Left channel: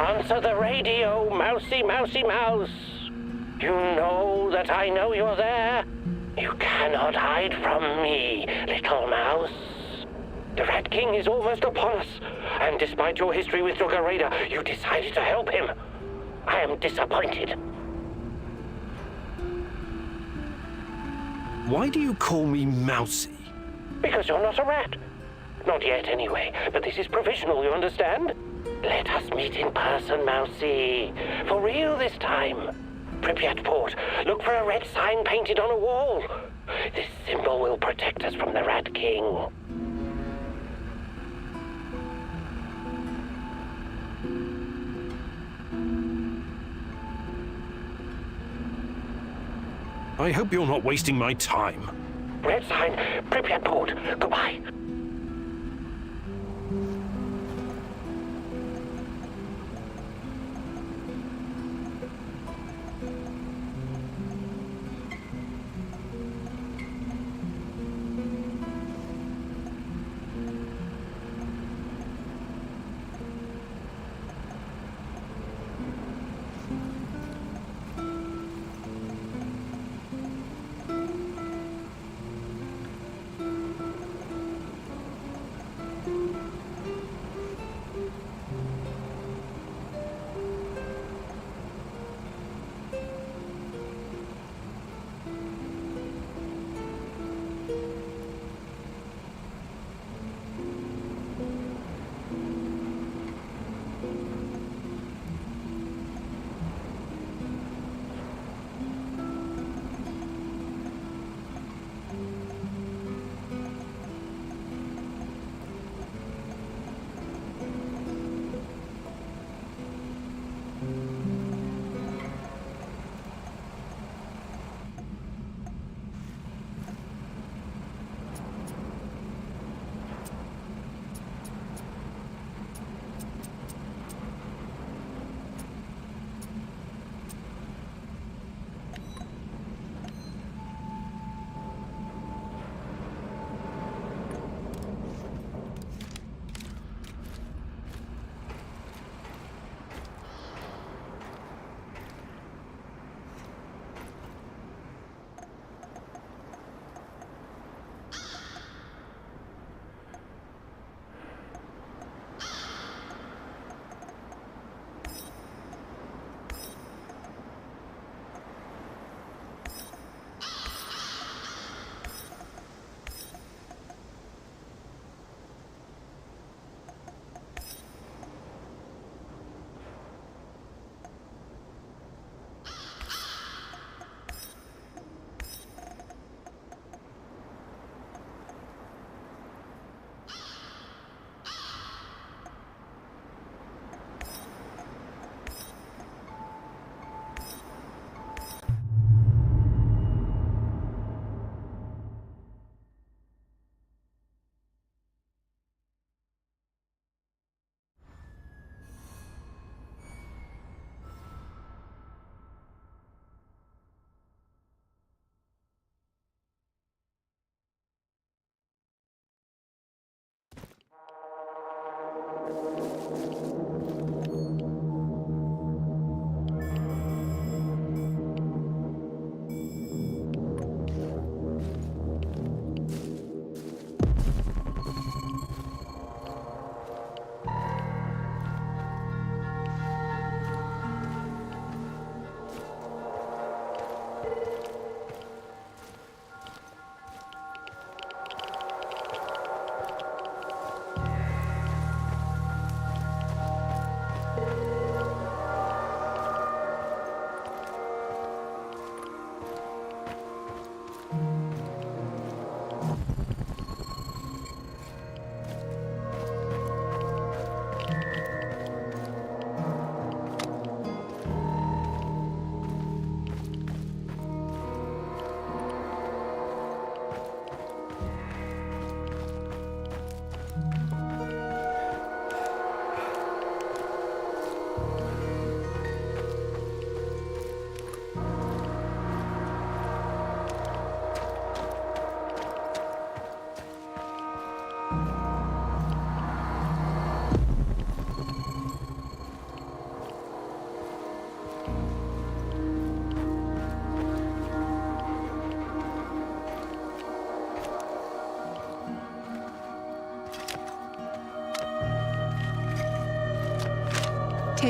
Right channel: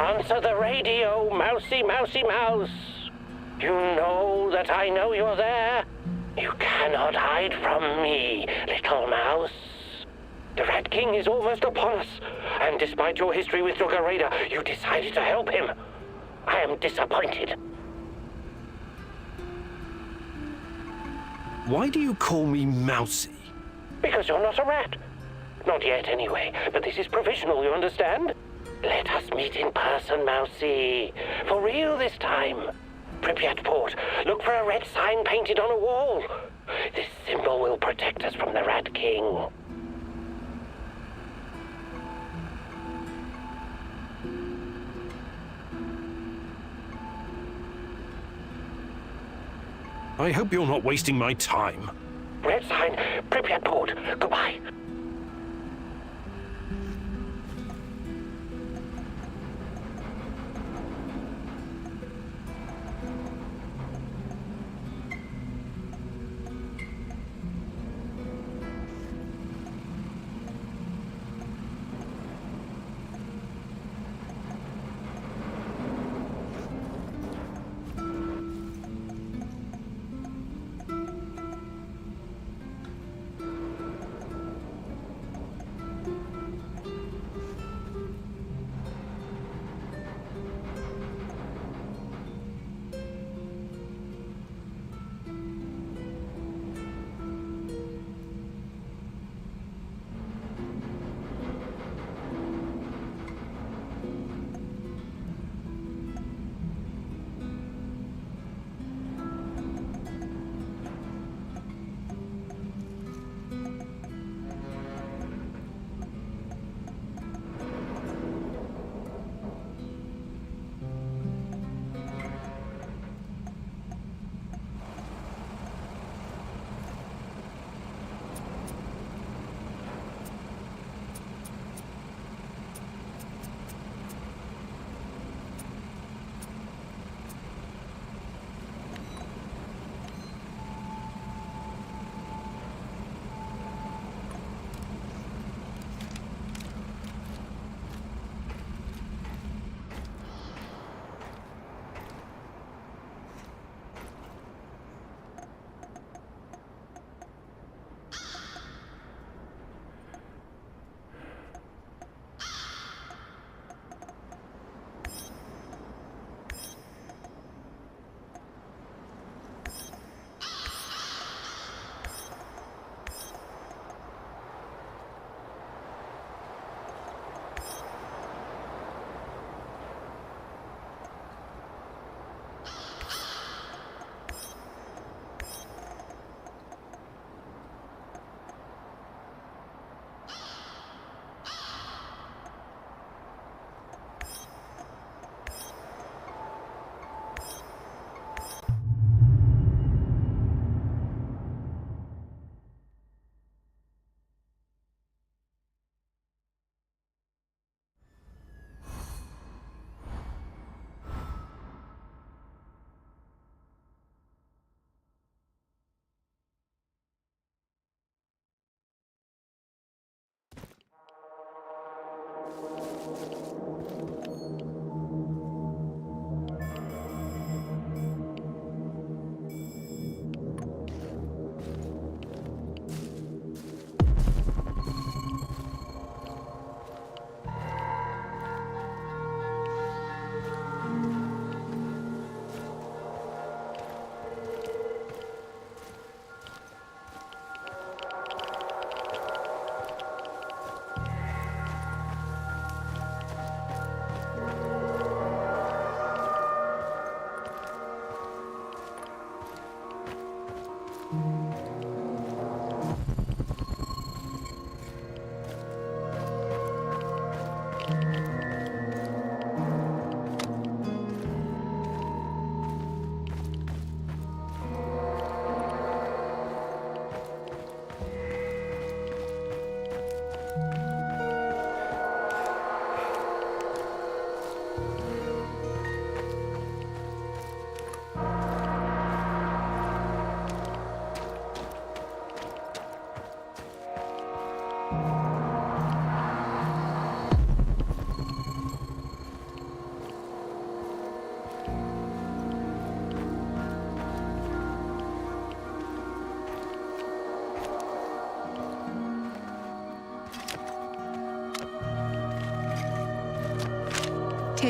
Answer the radio, mousy, mousy, mouse. You know that I know you're there. You cannot hide from me, little mouse. The Rat King is almost upon us, and despite your history with Duggar Raider, you decided to help him. I am disappointed. Why do you call me Mousy? Because you're not a rat. Not yet, anyway, but this is provisional, you understand? Let us meet in person, Mousy. For real this time. Pripyat Port, look for a red sign painted on a wall. This symbol will protect us from the Rat King. I hope you're not wasting my time. Red sign, Pripyat Port. Goodbye.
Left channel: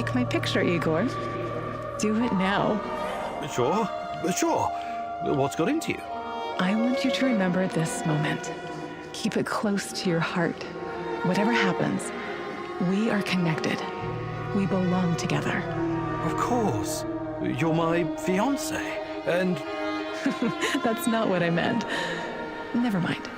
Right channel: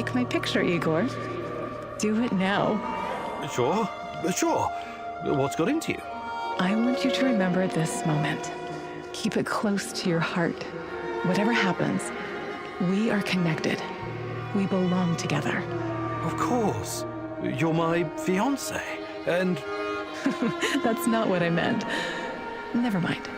take my picture, Igor. Do it now. Sure, sure. What's got into you? I want you to remember this moment. Keep it close to your heart. Whatever happens, we are connected. We belong together. Of course. You're my fiancé, and... That's not what I meant. Never mind.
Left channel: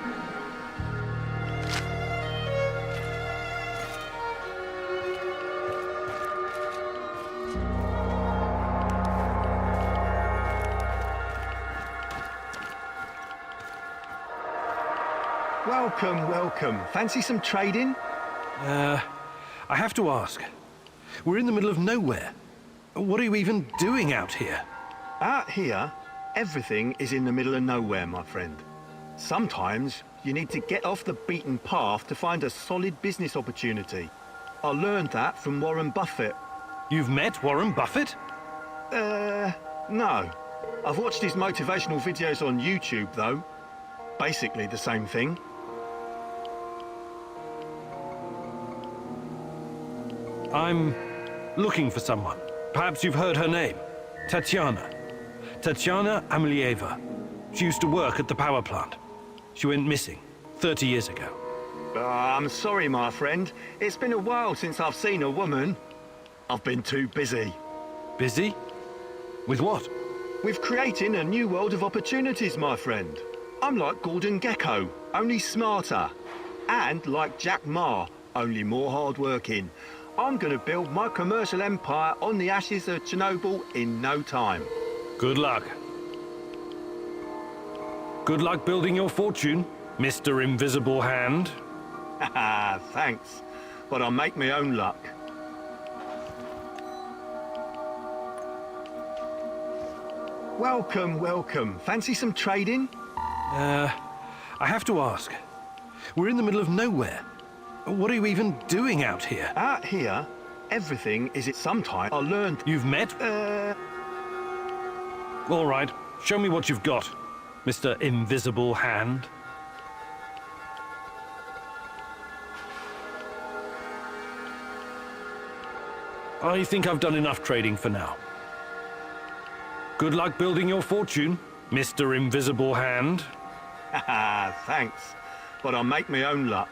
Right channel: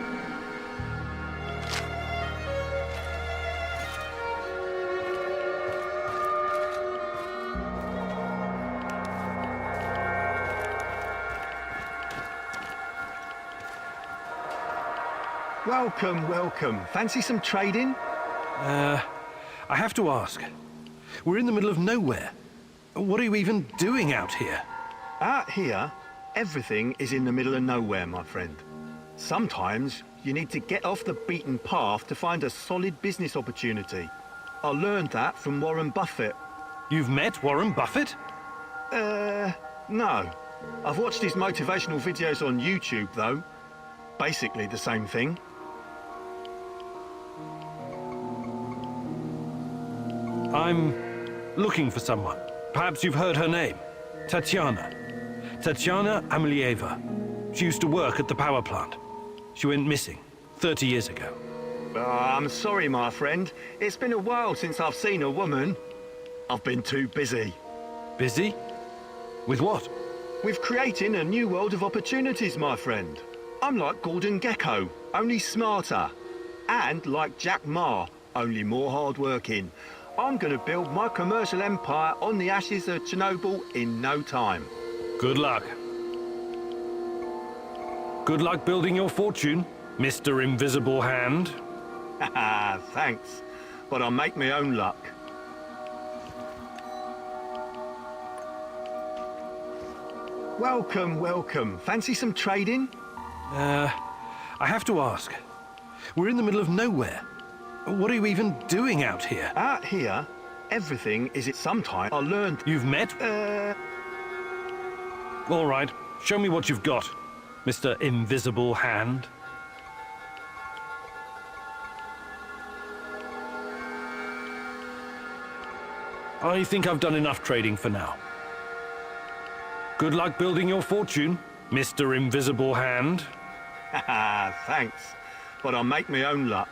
Welcome, welcome. Fancy some trading? I have to ask. We're in the middle of nowhere. What are you even doing out here? Out here, everything is in the middle of nowhere, my friend. Sometimes you need to get off the beaten path to find a solid business opportunity. I learned that from Warren Buffett. You've met Warren Buffett? No. I've watched his motivational videos on YouTube, though. Basically the same thing. I'm looking for someone. Perhaps you've heard her name. Tatiana. Tatiana Amelieva. She used to work at the power plant. She went missing 30 years ago. I'm sorry, my friend. It's been a while since I've seen a woman. I've been too busy. Busy? With what? With creating a new world of opportunities, my friend. I'm like Gordon Gekko, only smarter. And like Jack Ma, only more hardworking. I'm gonna build my commercial empire on the ashes of Chernobyl in no time. Good luck. Good luck building your fortune, Mr. Invisible Hand. Haha, thanks. But I'll make my own luck. Welcome, welcome. Fancy some trading? I have to ask. We're in the middle of nowhere. What are you even doing out here? Out here, everything is at some time I learned. You've met? All right. Show me what you've got, Mr. Invisible Hand. I think I've done enough trading for now. Good luck building your fortune, Mr. Invisible Hand. Haha, thanks. But I'll make my own luck.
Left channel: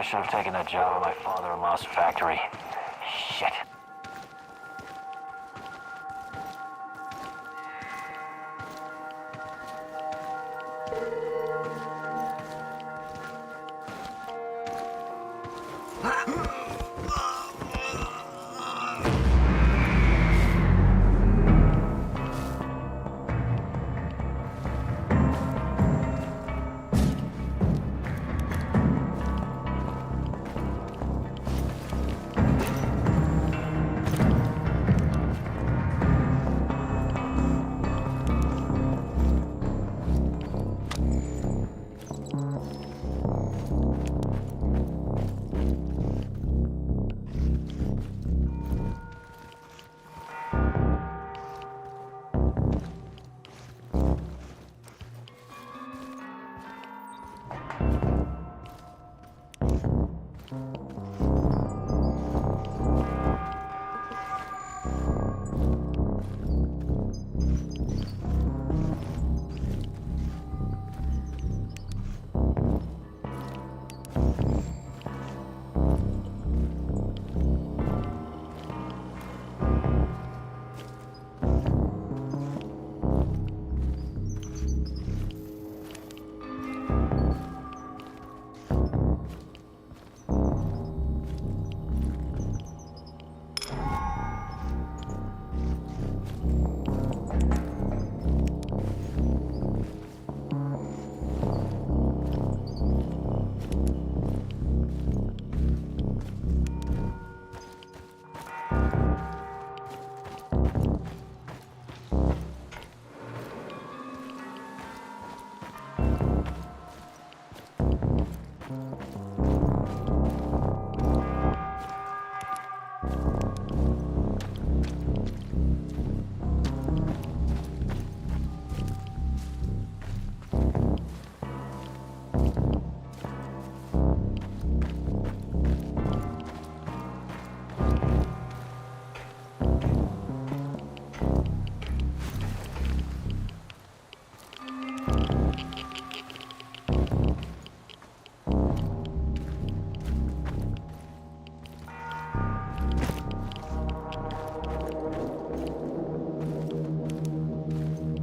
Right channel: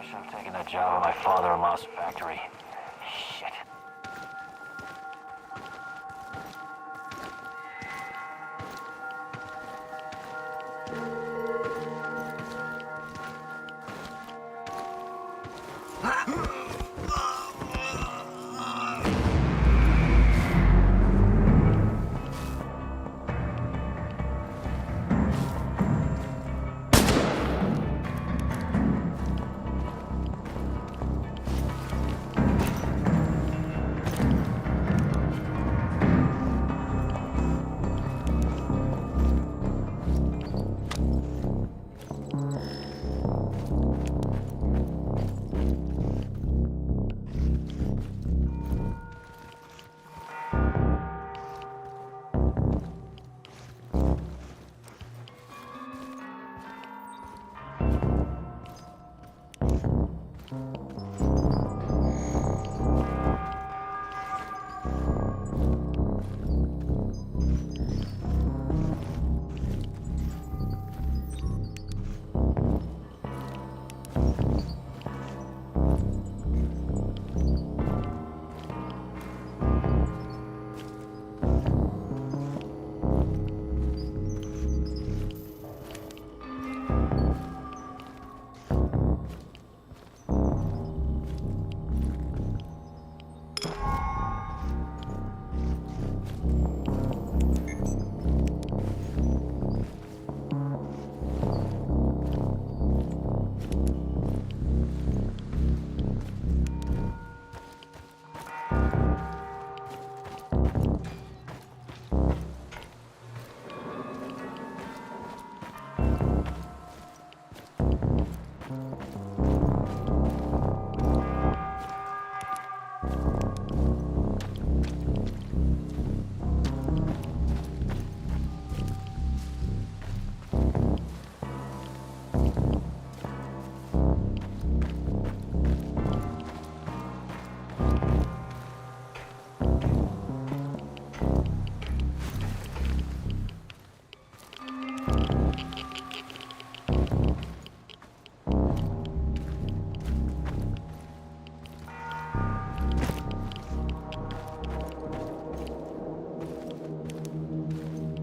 I should have taken that job at my father-in-law's factory. Shit.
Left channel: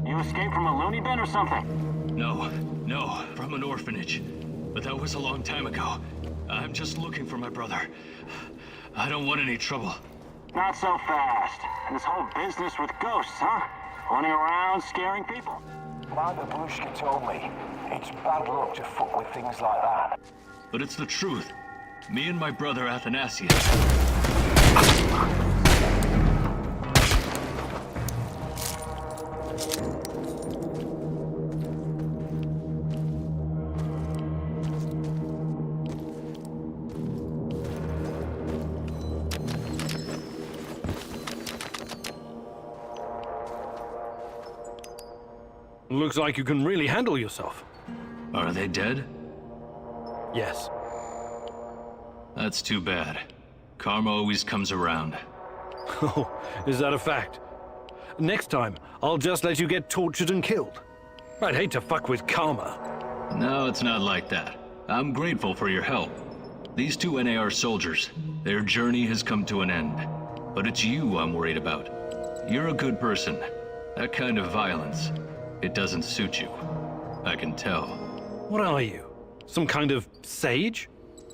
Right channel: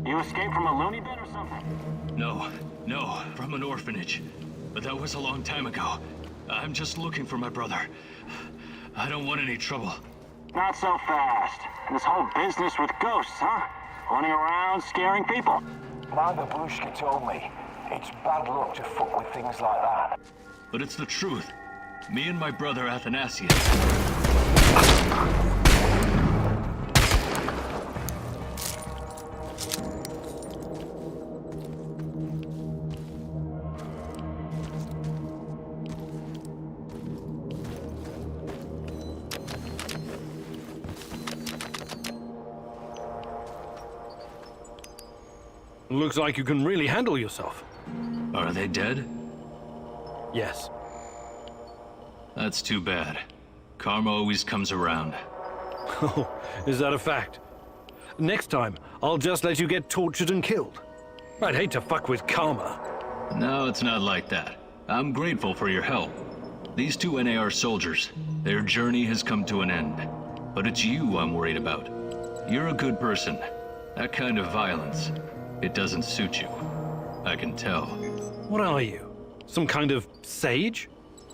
You escaped from a loony bin or something? No, from an orphanage. But that was a long time ago. I'm just looking for my brother. I don't want any trouble. Not so fast. This whole business with ghosts, huh? Running around, scaring people. My babushka told me it's bad luck to fuck with things like that. But it's the truth. Me and my brother Athanasius. Looks like you can really handle yourself. Are they dead? Yes. That's too bad. Karma always comes around. Oh, is that a fact? Next time, I'll just let you get tortured and killed. I'd hate to fuck with karma. No, it's not like that. I'm grateful for your help. These two NAR soldiers, their journey has come to an end. But it's you I'm worried about. You're a good person. That kind of violence, it doesn't suit you. I can tell. What are you? Some kind of sage?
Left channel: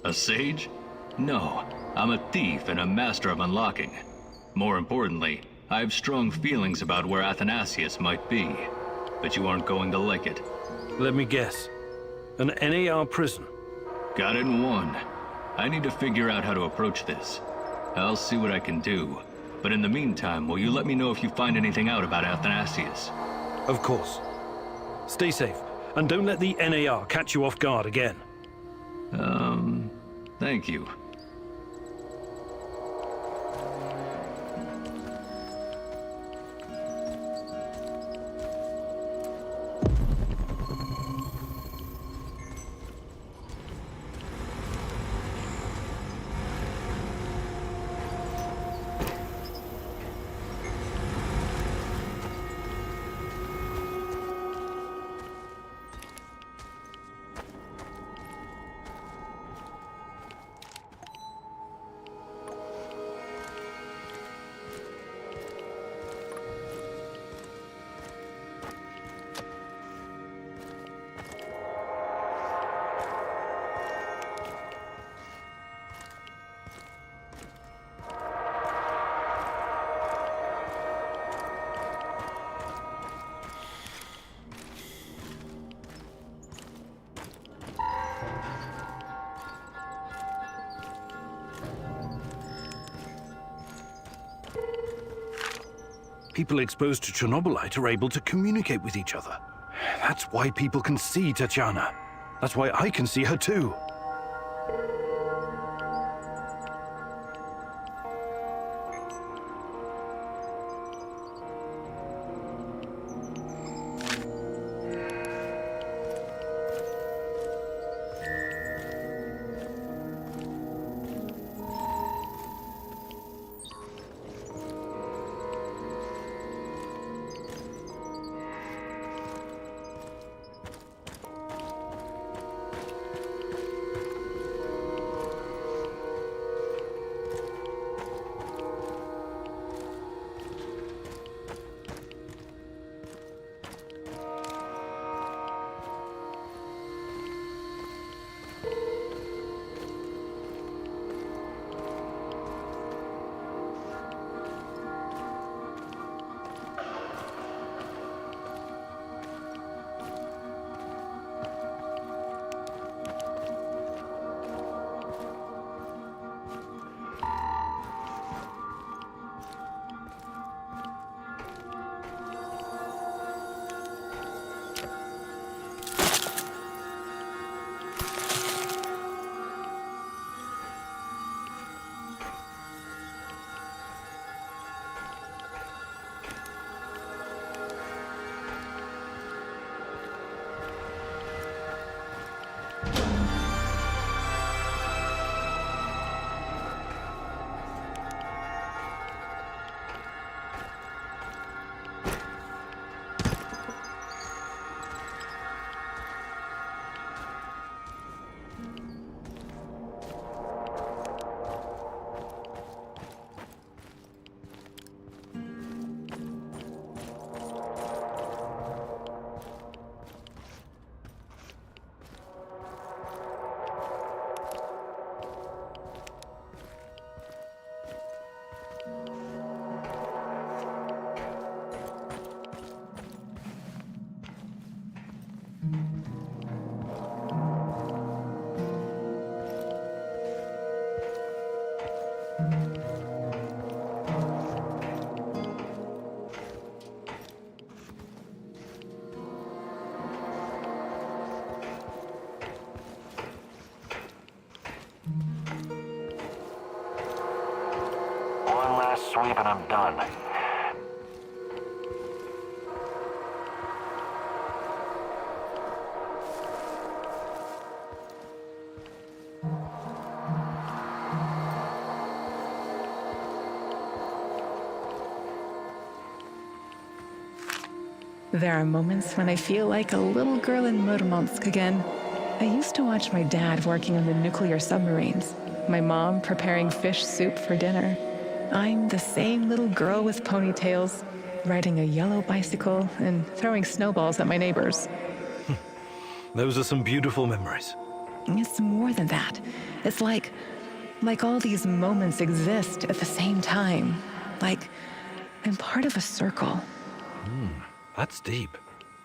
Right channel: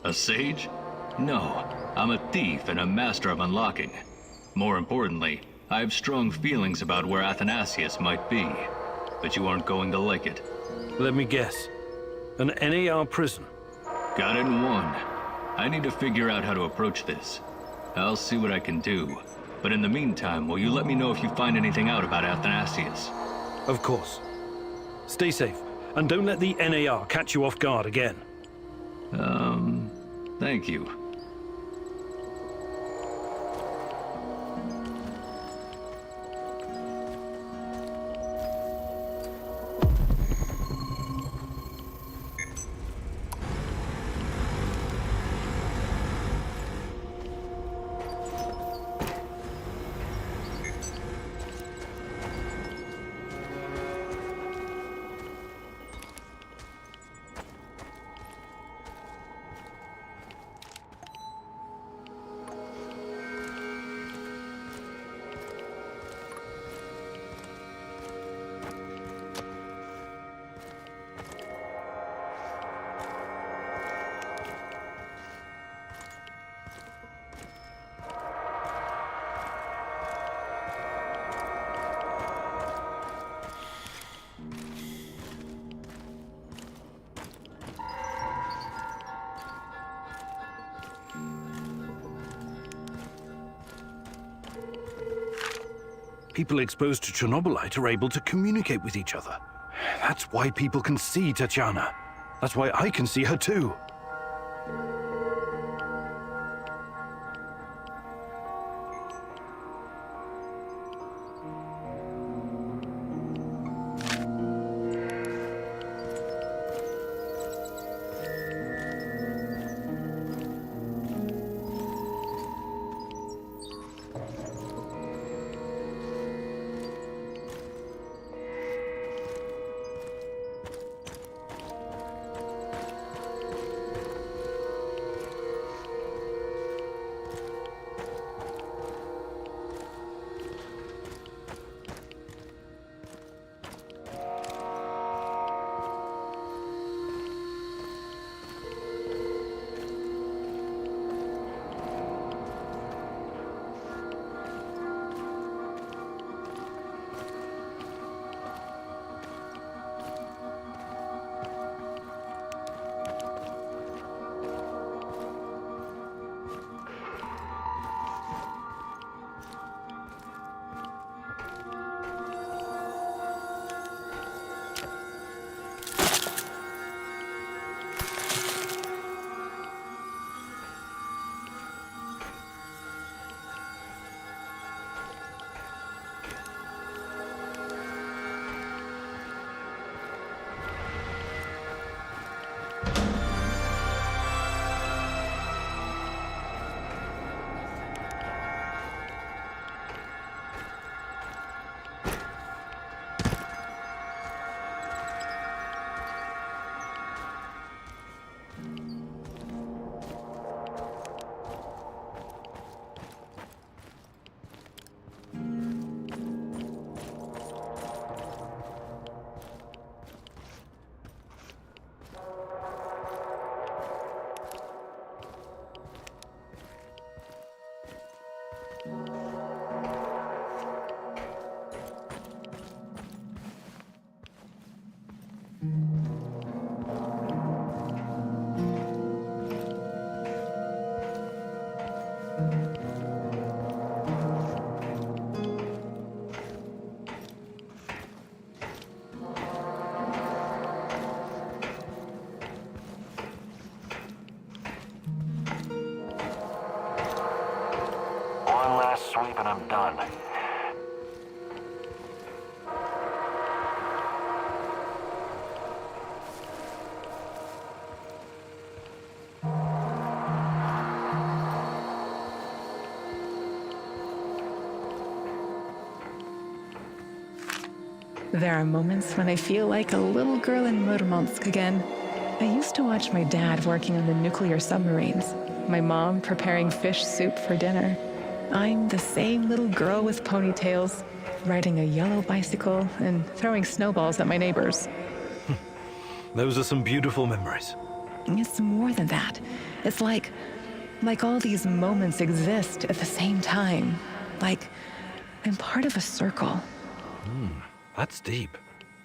A sage? No, I'm a thief and a master of unlocking. More importantly, I have strong feelings about where Athanasius might be. But you aren't going to like it. Let me guess. An NAR prison. Got it in one. I need to figure out how to approach this. I'll see what I can do. But in the meantime, will you let me know if you find anything out about Athanasius? Of course. Stay safe, and don't let the NAR catch you off guard again. Thank you. People exposed to Chernobylite are able to communicate with each other. That's why people can see Tatiana. That's why I can see her too. One last sweep and I'm done. There are moments when I feel like a little girl in Murmansk again. I used to watch my dad working on the nuclear submarines, my mom preparing fish soup for dinner. I'm the same little girl with ponytails, riding a yellow bicycle and throwing snowballs at my neighbors. Those are some beautiful memories. It's more than that. It's like all these moments exist at the same time. Like I'm part of a circle. That's deep,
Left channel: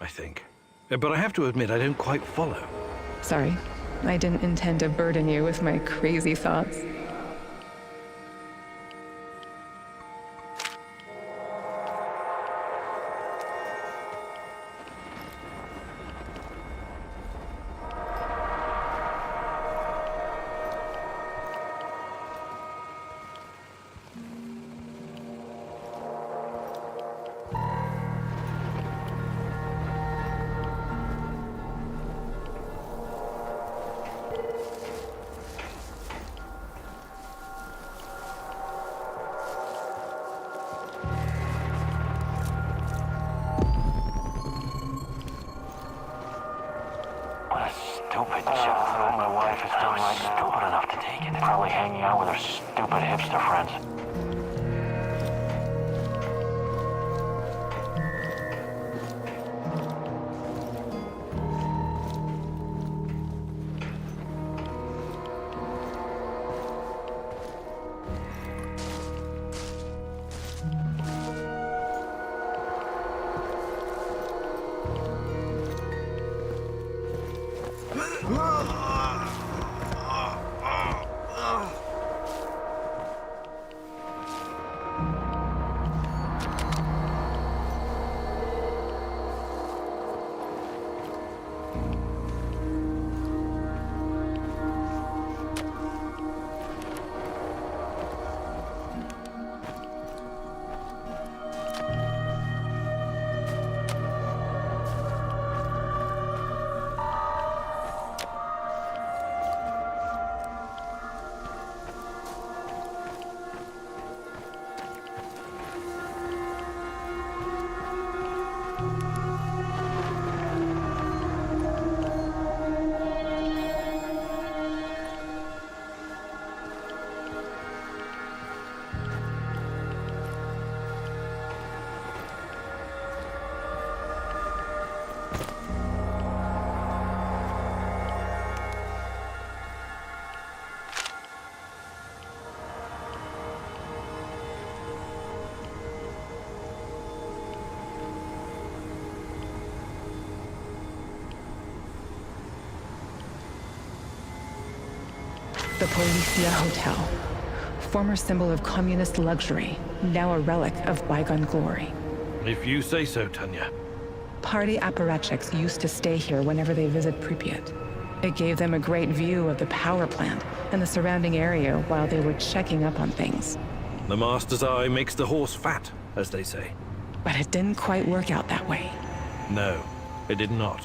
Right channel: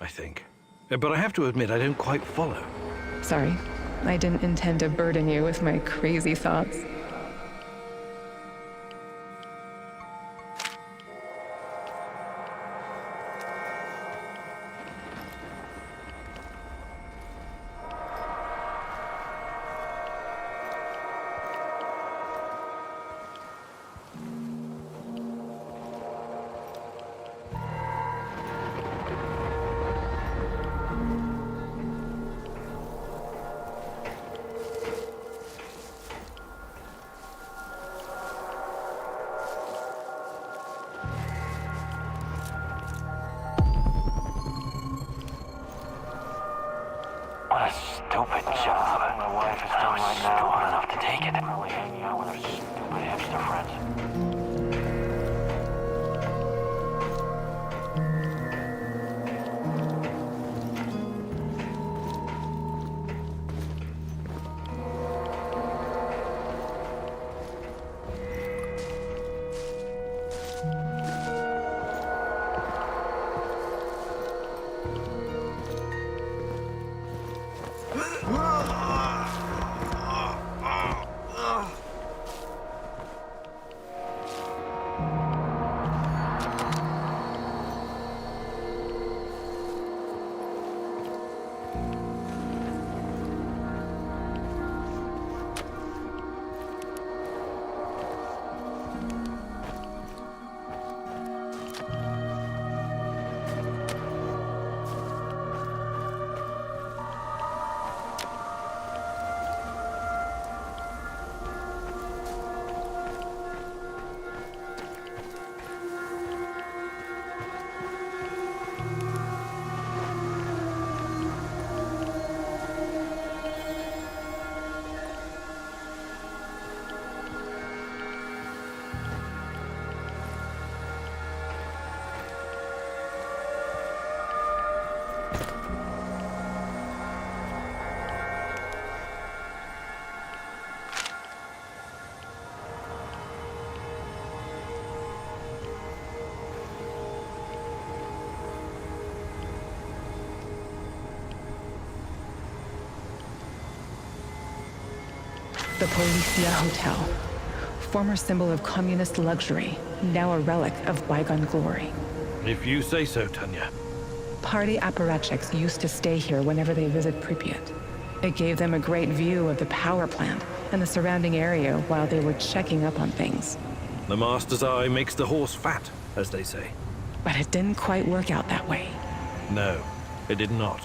I think. But I have to admit, I don't quite follow. Sorry, I didn't intend to burden you with my crazy thoughts. What a stupid job. My wife is doing right now. Stupid enough to take it. Probably hanging out with her stupid hipster friends. The Policia Hotel. Former symbol of communist luxury, now a relic of bygone glory. If you say so, Tanya. Party apparatchiks used to stay here whenever they visit Pripyat. It gave them a great view of the power plant and the surrounding area while they were checking up on things. The master's eye makes the horse fat, as they say. But it didn't quite work out that way. No, it did not.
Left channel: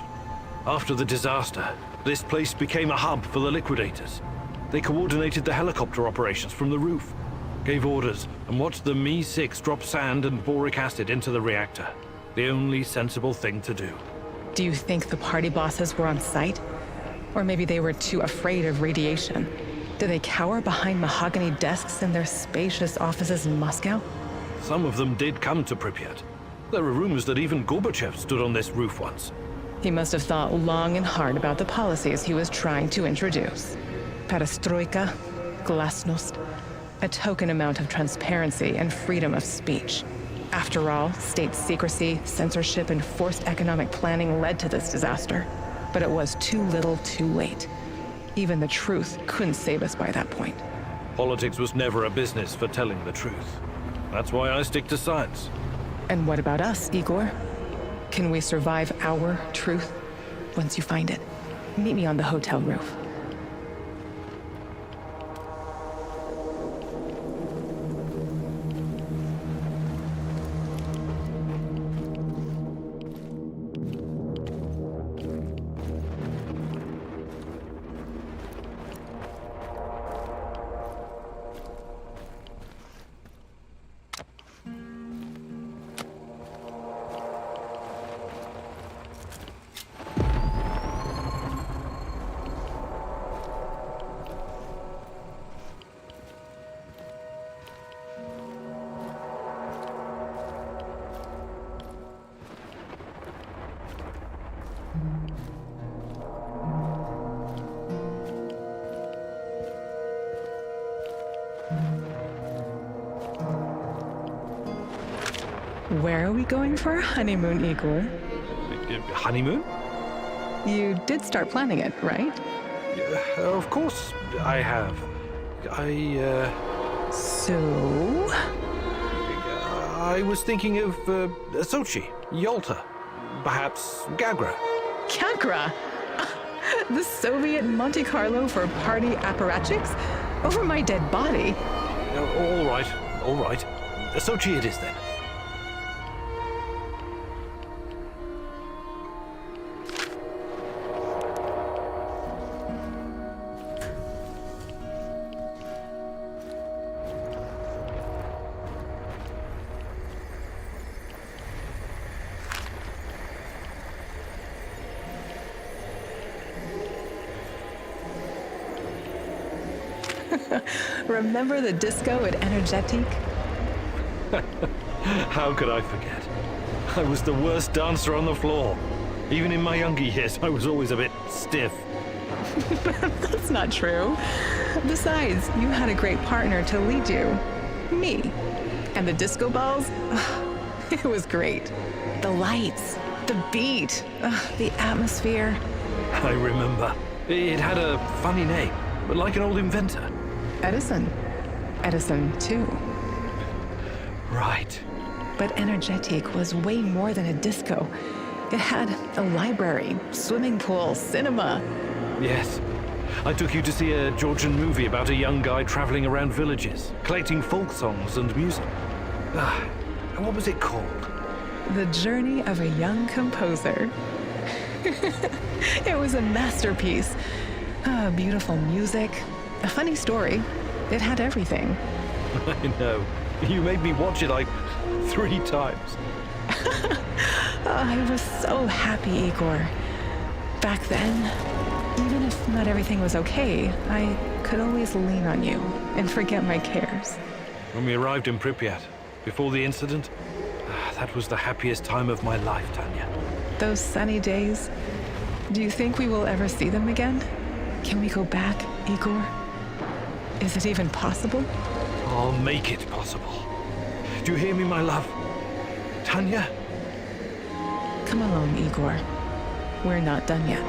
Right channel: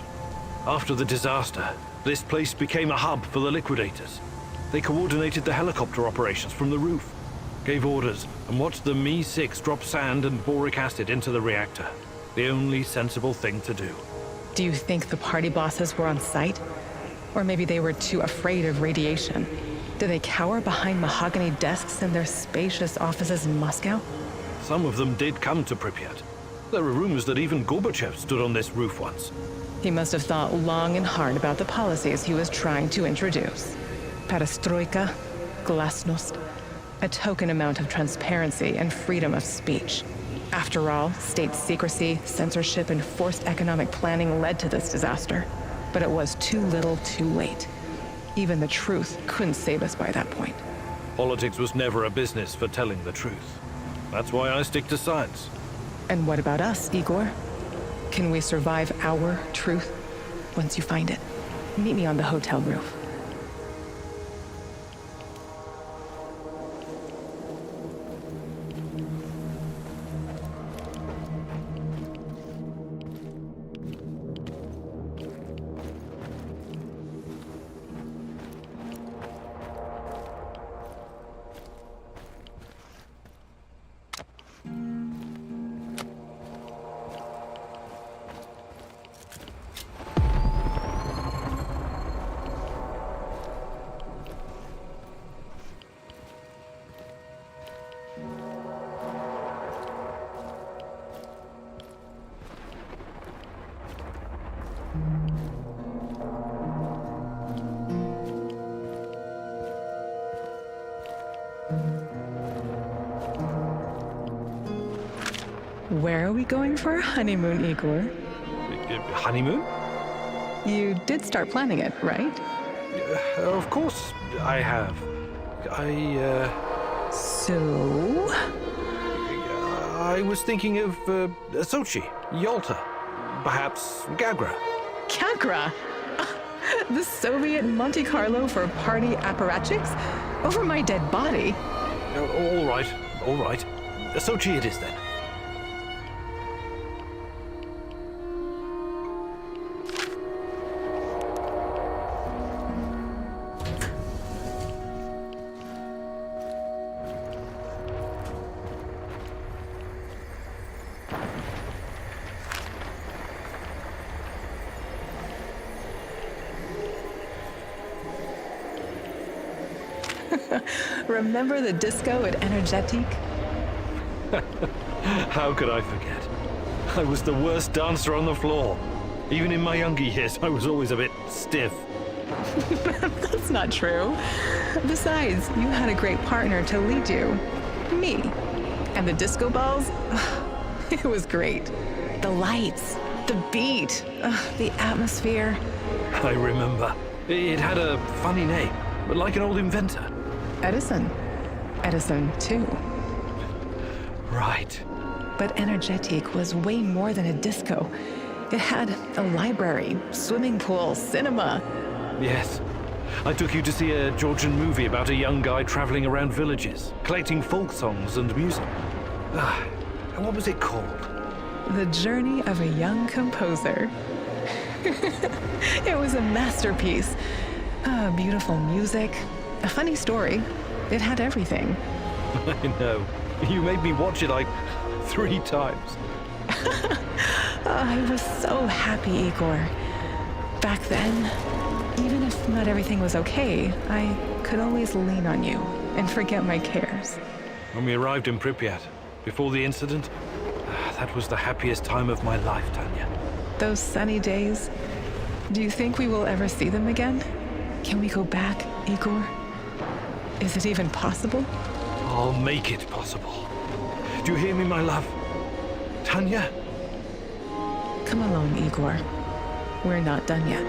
After the disaster, this place became a hub for the liquidators. They coordinated the helicopter operations from the roof, gave orders, and watched the Mi-6 drop sand and boric acid into the reactor. The only sensible thing to do. Do you think the party bosses were on site? Or maybe they were too afraid of radiation? Do they cower behind mahogany desks in their spacious offices in Moscow? Some of them did come to Pripyat. There are rumors that even Gorbachev stood on this roof once. He must have thought long and hard about the policies he was trying to introduce. Perestroika, glasnost, a token amount of transparency and freedom of speech. After all, state secrecy, censorship, and forced economic planning led to this disaster. But it was too little, too late. Even the truth couldn't save us by that point. Politics was never a business for telling the truth. That's why I stick to science. And what about us, Igor? Can we survive our truth once you find it? Meet me on the hotel roof. Where are we going for our honeymoon, Igor? Honeymoon? You did start planning it, right? Of course I have. So? I was thinking of Sochi, Yalta, perhaps Gagra. Gagra? The Soviet Monte Carlo for party apparatchiks? Over my dead body? All right, all right. Sochi it is then. Remember the disco at Energetic? How could I forget? I was the worst dancer on the floor. Even in my younger years, I was always a bit stiff. That's not true. Besides, you had a great partner to lead you. Me. And the disco balls? It was great. The lights, the beat, the atmosphere. I remember. It had a funny name, but like an old inventor. Edison. Edison, too. Right. But Energetic was way more than a disco. It had a library, swimming pool, cinema. Yes. I took you to see a Georgian movie about a young guy traveling around villages, collecting folk songs and music. What was it called? The Journey of a Young Composer. It was a masterpiece. Beautiful music, a funny story. It had everything. I know. You made me watch it like 3 times. I was so happy, Igor. Back then, even if not everything was okay, I could always lean on you and forget my cares. When we arrived in Pripyat, before the incident, that was the happiest time of my life, Tanya. Those sunny days, do you think we will ever see them again? Can we go back, Igor? Is it even possible? I'll make it possible. Do you hear me, my love? Tanya? Come along, Igor. We're not done yet.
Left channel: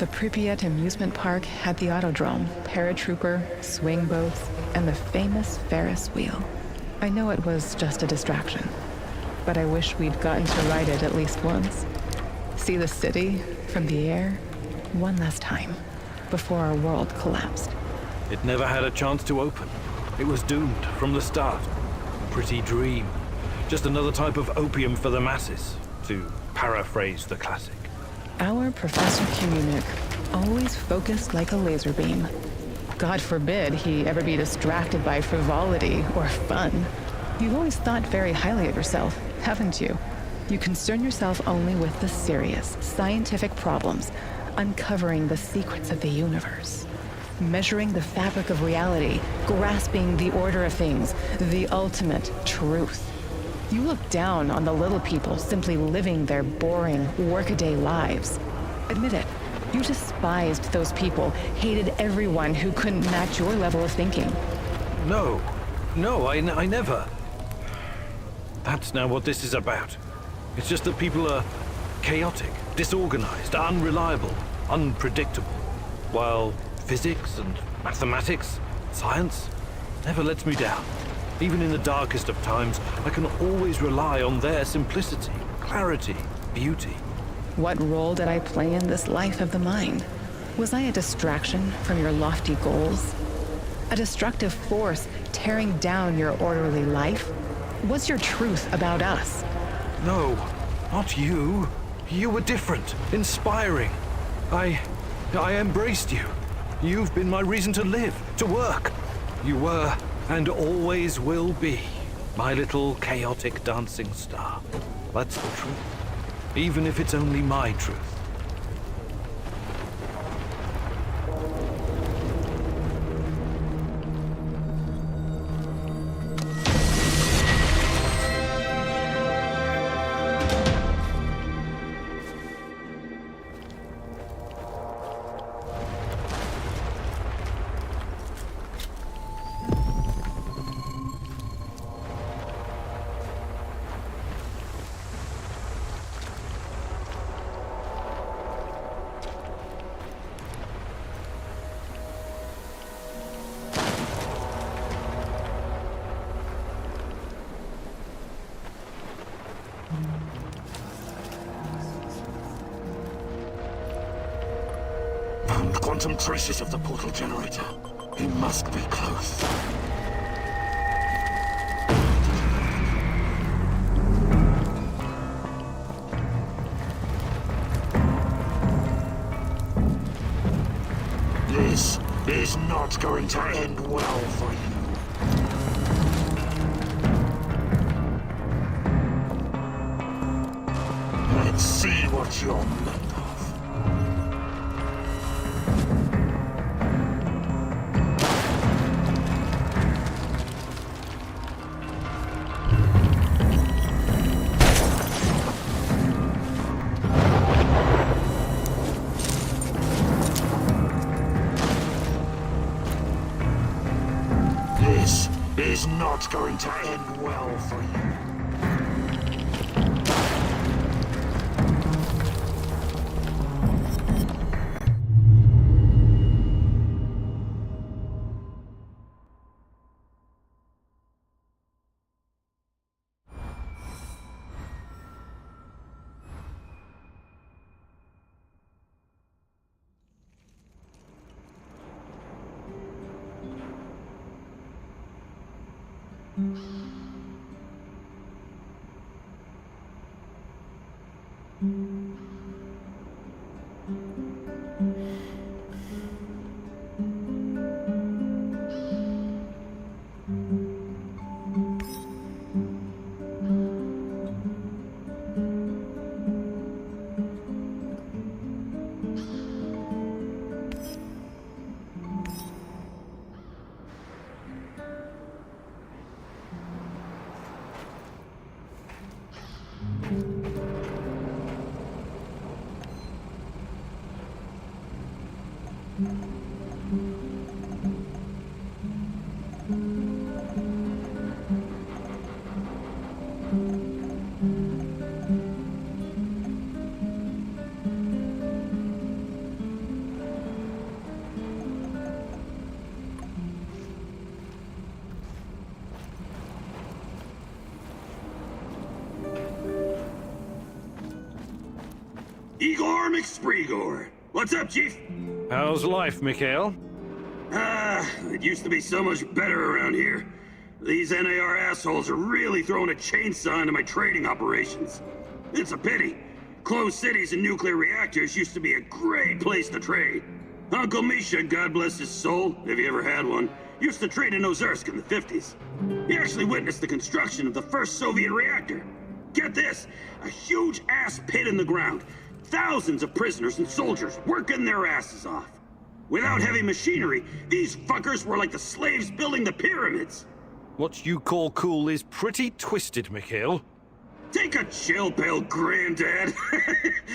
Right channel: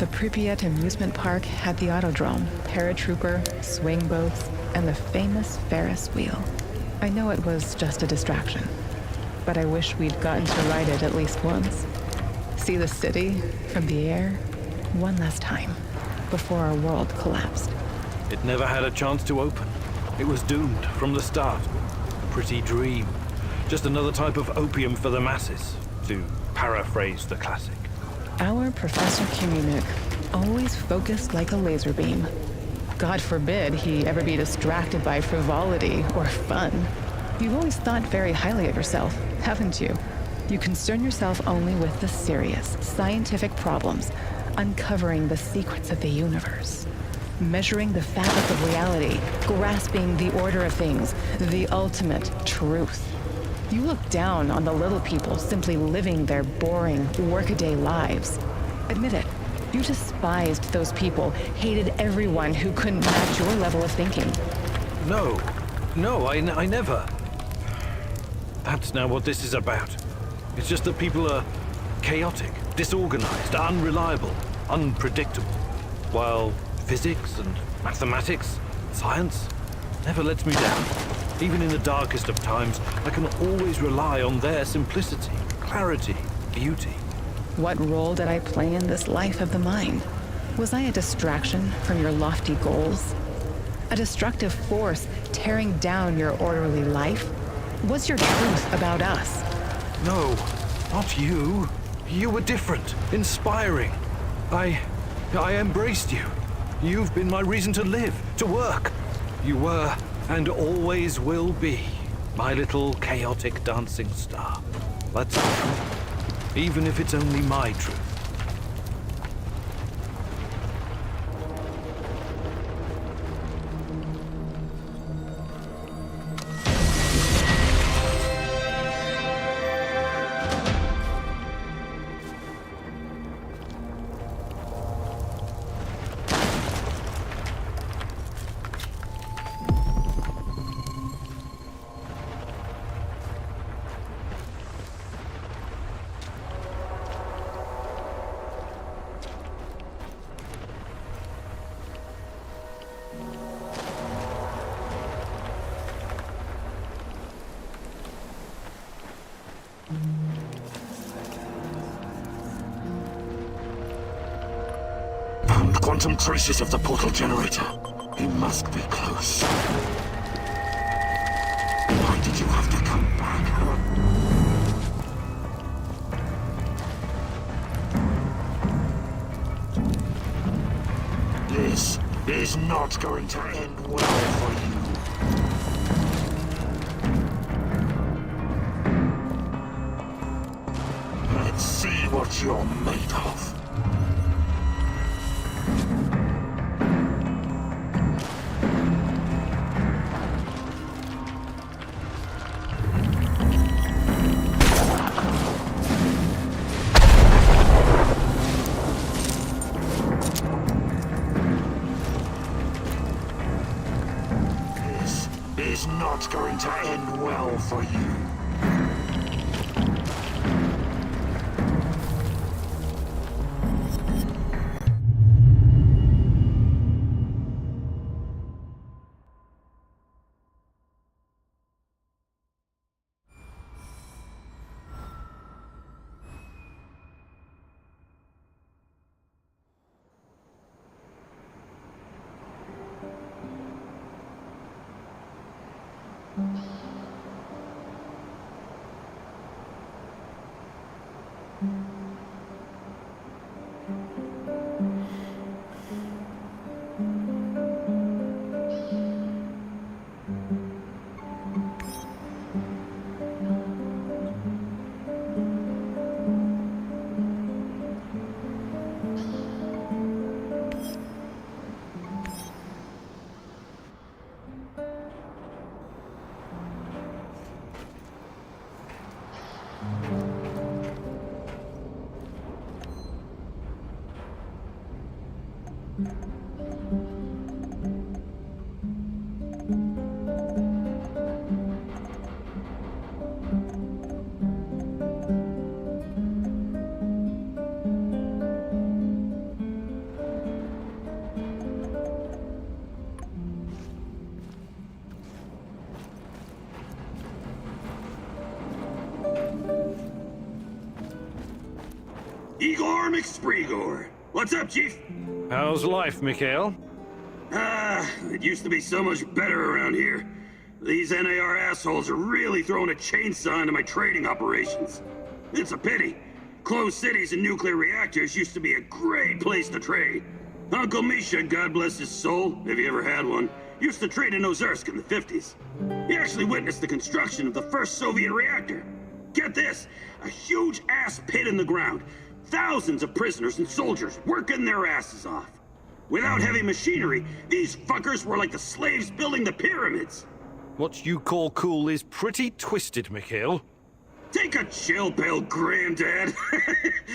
The Pripyat amusement park had the autodrome, paratrooper, swing boats, and the famous Ferris wheel. I know it was just a distraction, but I wish we'd gotten to ride it at least once. See the city from the air one last time before our world collapsed. It never had a chance to open. It was doomed from the start. A pretty dream. Just another type of opium for the masses, to paraphrase the classic. Our Professor Komunik always focused like a laser beam. God forbid he ever be distracted by frivolity or fun. You've always thought very highly of yourself, haven't you? You concern yourself only with the serious, scientific problems, uncovering the secrets of the universe, measuring the fabric of reality, grasping the order of things, the ultimate truth. You look down on the little people simply living their boring, workaday lives. Admit it, you despised those people, hated everyone who couldn't match your level of thinking. No, I never. That's now what this is about. It's just that people are chaotic, disorganized, unreliable, unpredictable. While physics and mathematics, science, never lets me down. Even in the darkest of times, I can always rely on their simplicity, clarity, beauty. What role did I play in this life of the mind? Was I a distraction from your lofty goals? A destructive force tearing down your orderly life? What's your truth about us? No, not you. You were different, inspiring. I embraced you. You've been my reason to live, to work. You were, and always will be, my little chaotic dancing star. That's the truth. Even if it's only my truth. Found quantum traces of the portal generator. He must be close. Why did you have to come back? This is not going to end well for you. Let's see what you're made of. This is not going to end well for you. Igor McSpreegor. What's up, Chief? How's life, Mikhail? It used to be so much better around here. These NAR assholes are really throwing a chainsaw into my trading operations. It's a pity. Closed cities and nuclear reactors used to be a great place to trade. Uncle Misha, God bless his soul, if he ever had one, used to trade in Ozersk in the 50s. He actually witnessed the construction of the first Soviet reactor. Get this, a huge ass pit in the ground. Thousands of prisoners and soldiers working their asses off. Without heavy machinery, these fuckers were like the slaves building the pyramids. What you call cool is pretty twisted, Mikhail. Take a chill pill, Granddad.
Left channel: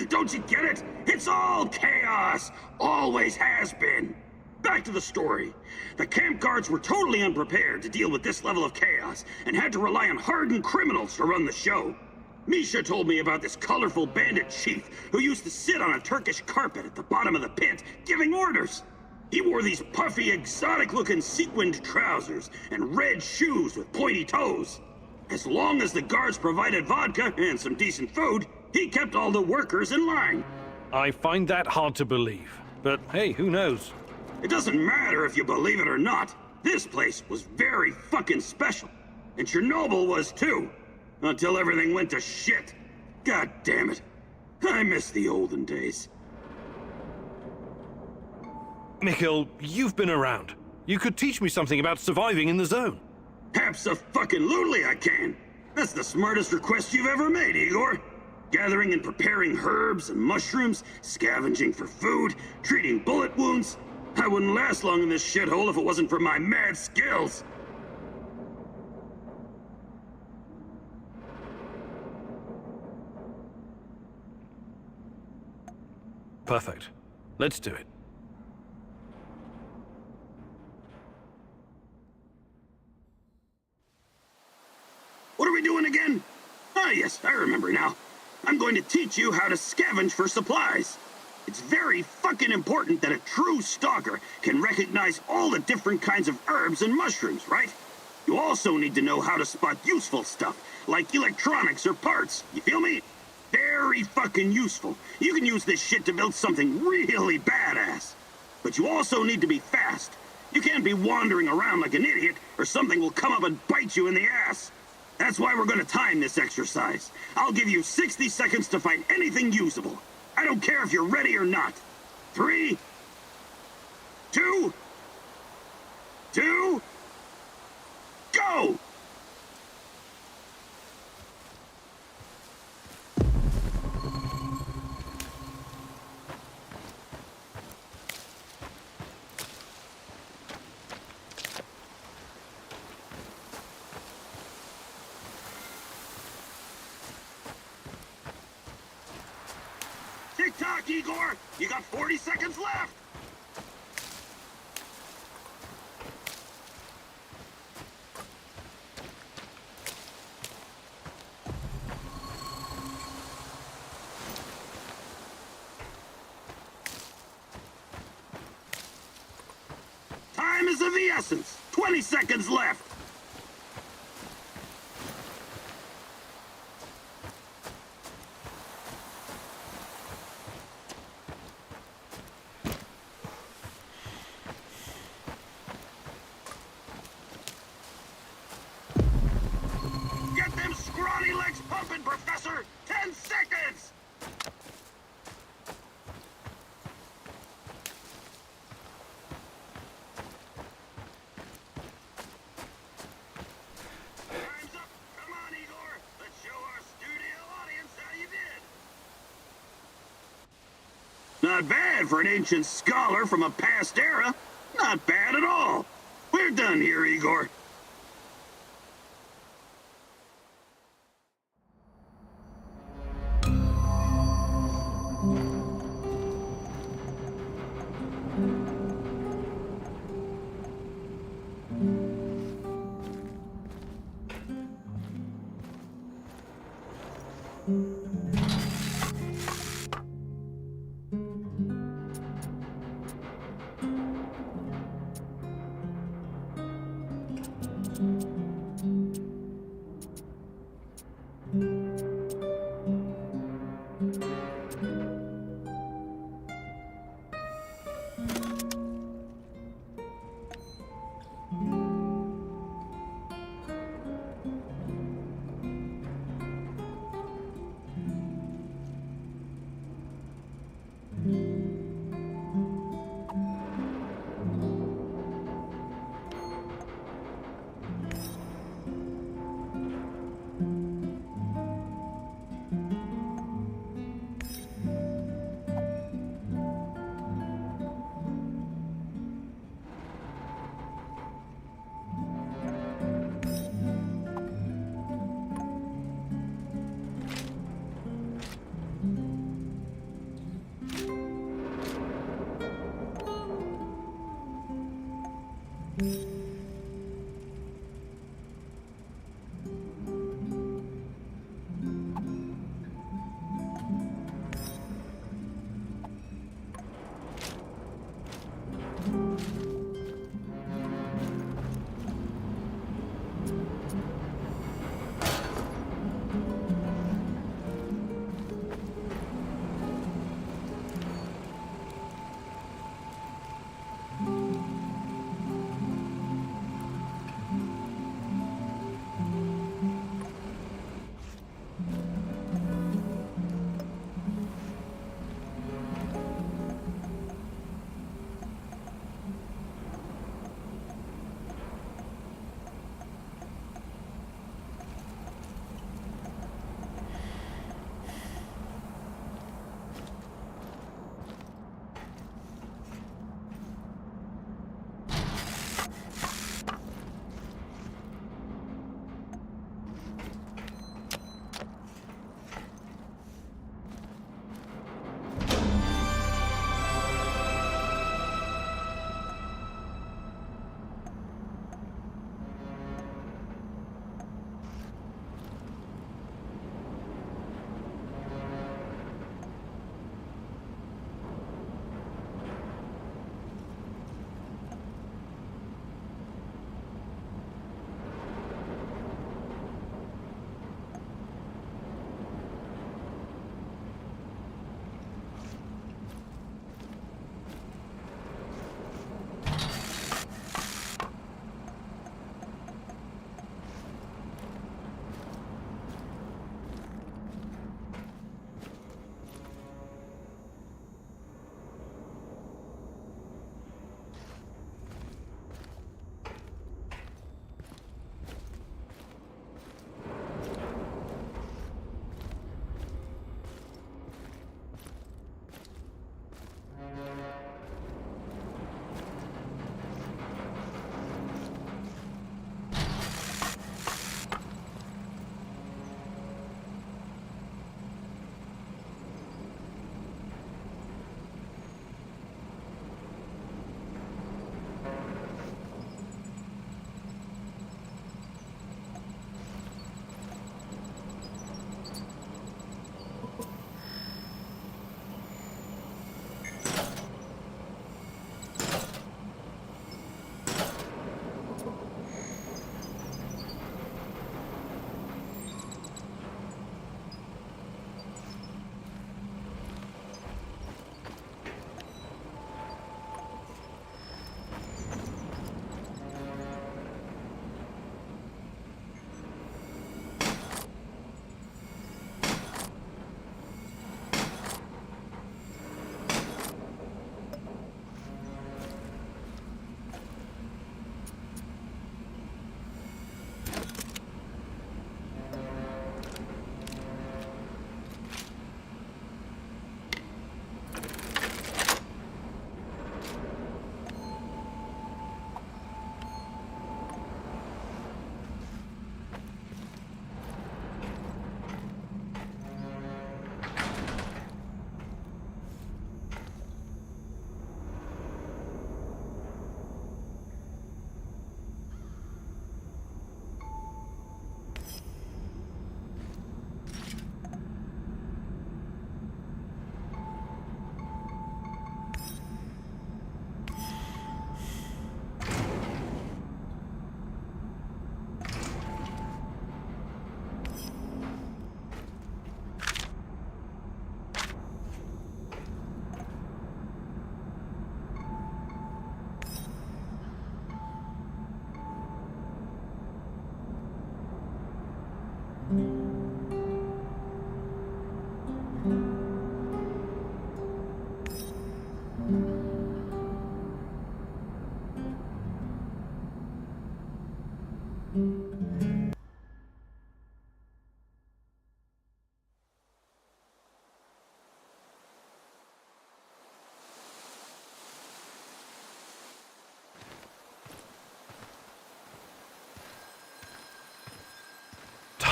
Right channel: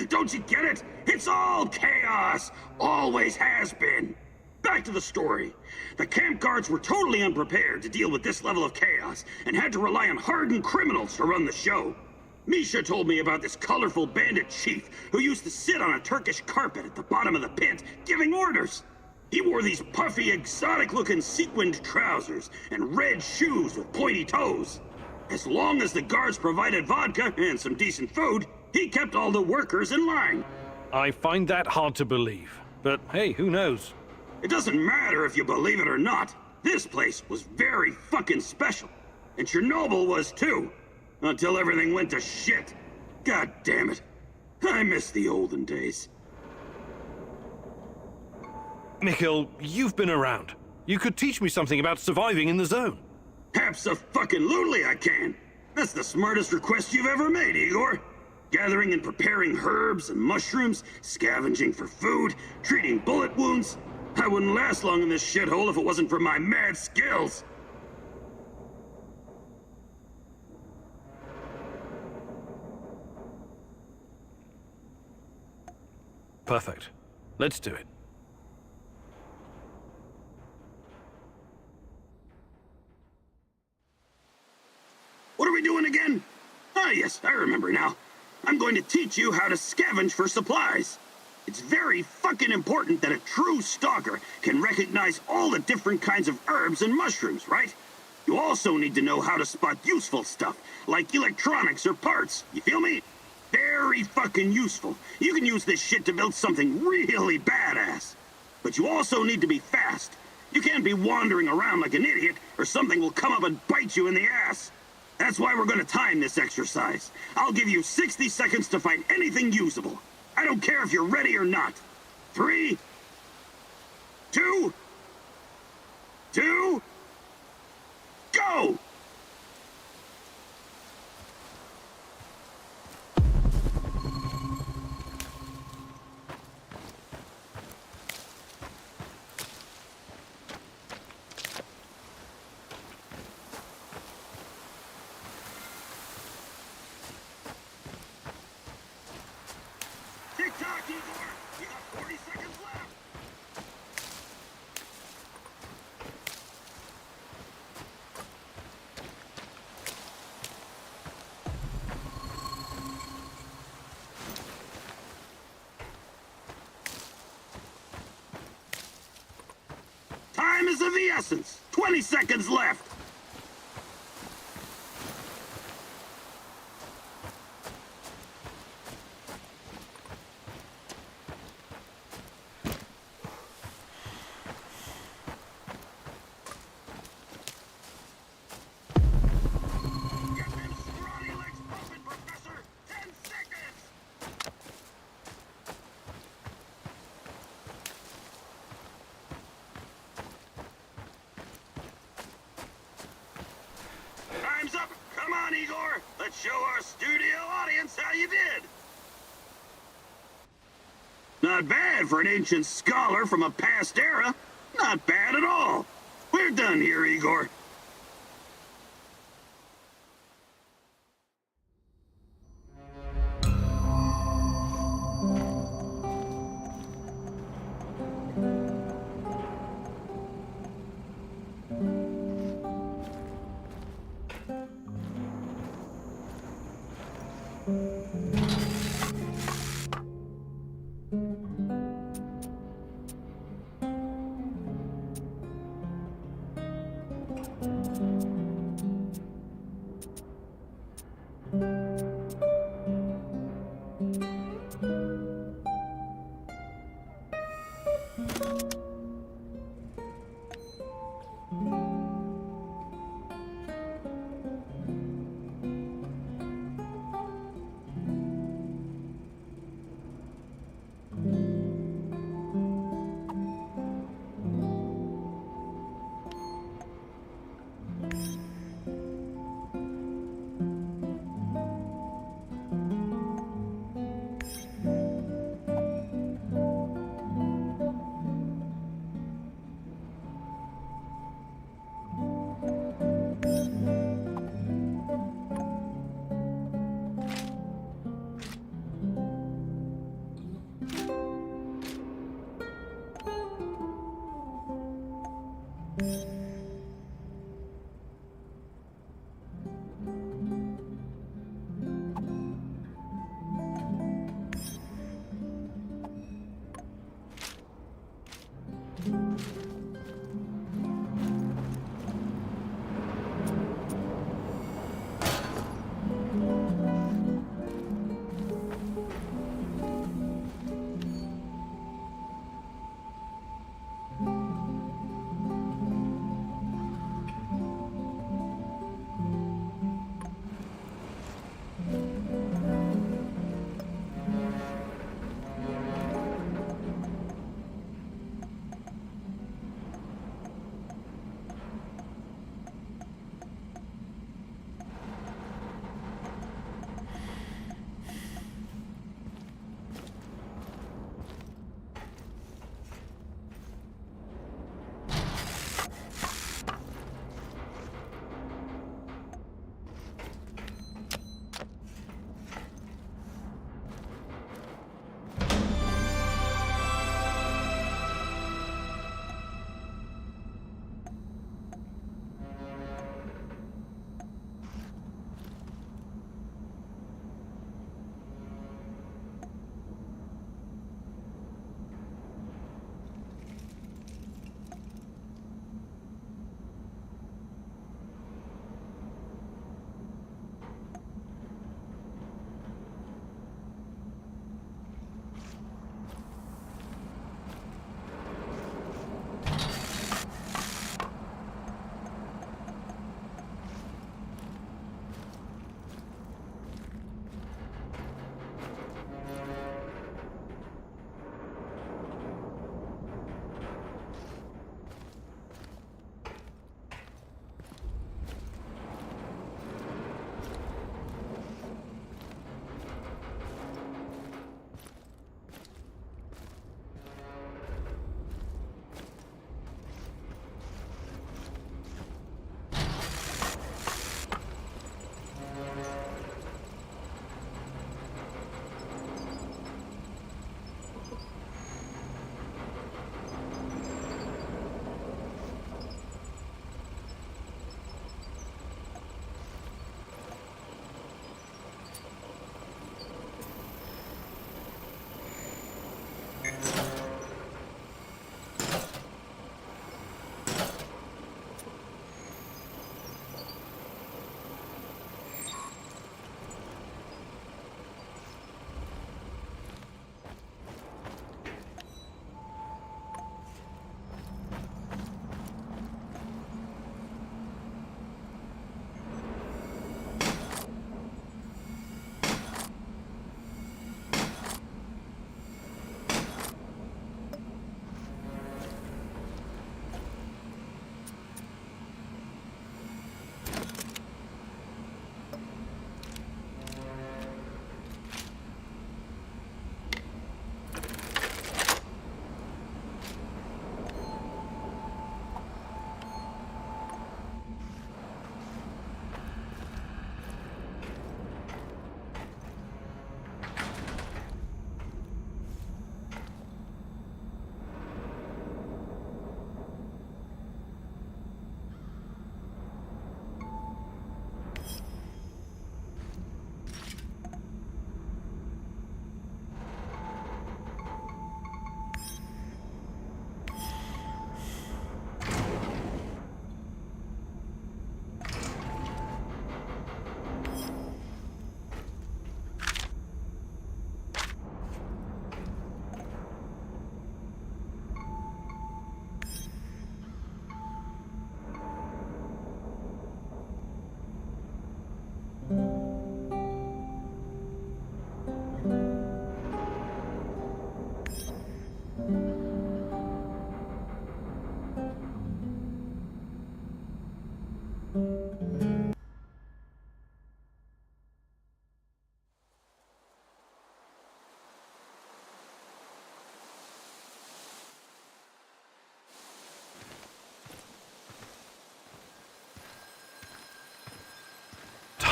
Don't you get it? It's all chaos. Always has been. Back to the story. The camp guards were totally unprepared to deal with this level of chaos and had to rely on hardened criminals to run the show. Misha told me about this colorful bandit chief who used to sit on a Turkish carpet at the bottom of the pit giving orders. He wore these puffy, exotic-looking sequined trousers and red shoes with pointy toes. As long as the guards provided vodka and some decent food, he kept all the workers in line. I find that hard to believe, but hey, who knows? It doesn't matter if you believe it or not. This place was very fucking special. And Chernobyl was too. Until everything went to shit. God damn it. I miss the olden days. Mikhail, you've been around. You could teach me something about surviving in the zone. Abso-fucking-lutely I can. That's the smartest request you've ever made, Igor. Gathering and preparing herbs and mushrooms, scavenging for food, treating bullet wounds. I wouldn't last long in this shithole if it wasn't for my mad skills. Perfect. Let's do it. What are we doing again? Ah, yes, I remember now. I'm going to teach you how to scavenge for supplies. It's very fucking important that a true stalker can recognize all the different kinds of herbs and mushrooms, right? You also need to know how to spot useful stuff, like electronics or parts. You feel me? Very fucking useful. You can use this shit to build something really badass. But you also need to be fast. You can't be wandering around like an idiot, or something will come up and bite you in the ass. That's why we're gonna time this exercise. I'll give you 60 seconds to find anything usable. I don't care if you're ready or not. 3, 2, go! Tick-tock, Igor! You got 40 seconds left! Time is of the essence. 20 seconds left. Get them scrawny legs pumping, Professor! 10 seconds! Time's up! Come on, Igor! Let's show our studio audience how you did! Not bad for an ancient scholar from a past era. Not bad at all. We're done here, Igor.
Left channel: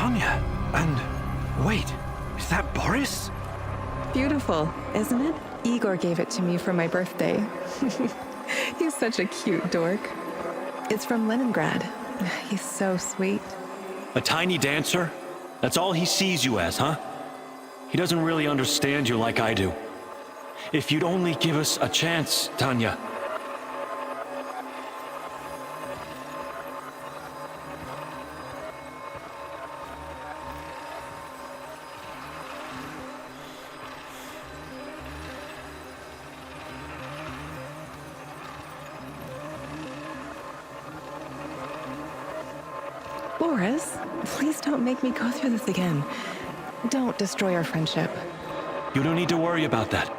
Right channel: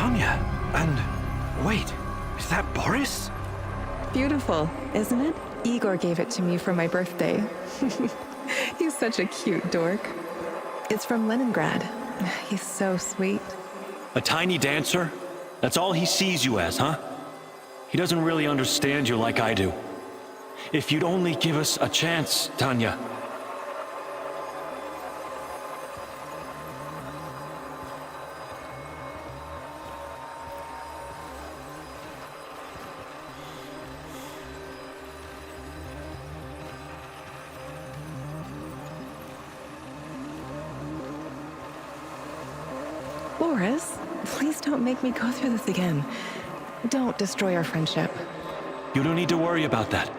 Tanya, and wait, is that Boris? Beautiful, isn't it? Igor gave it to me for my birthday. He's such a cute dork. It's from Leningrad. He's so sweet. A tiny dancer? That's all he sees you as, huh? He doesn't really understand you like I do. If you'd only give us a chance, Tanya. Boris, please don't make me go through this again. Don't destroy our friendship. You don't need to worry about that.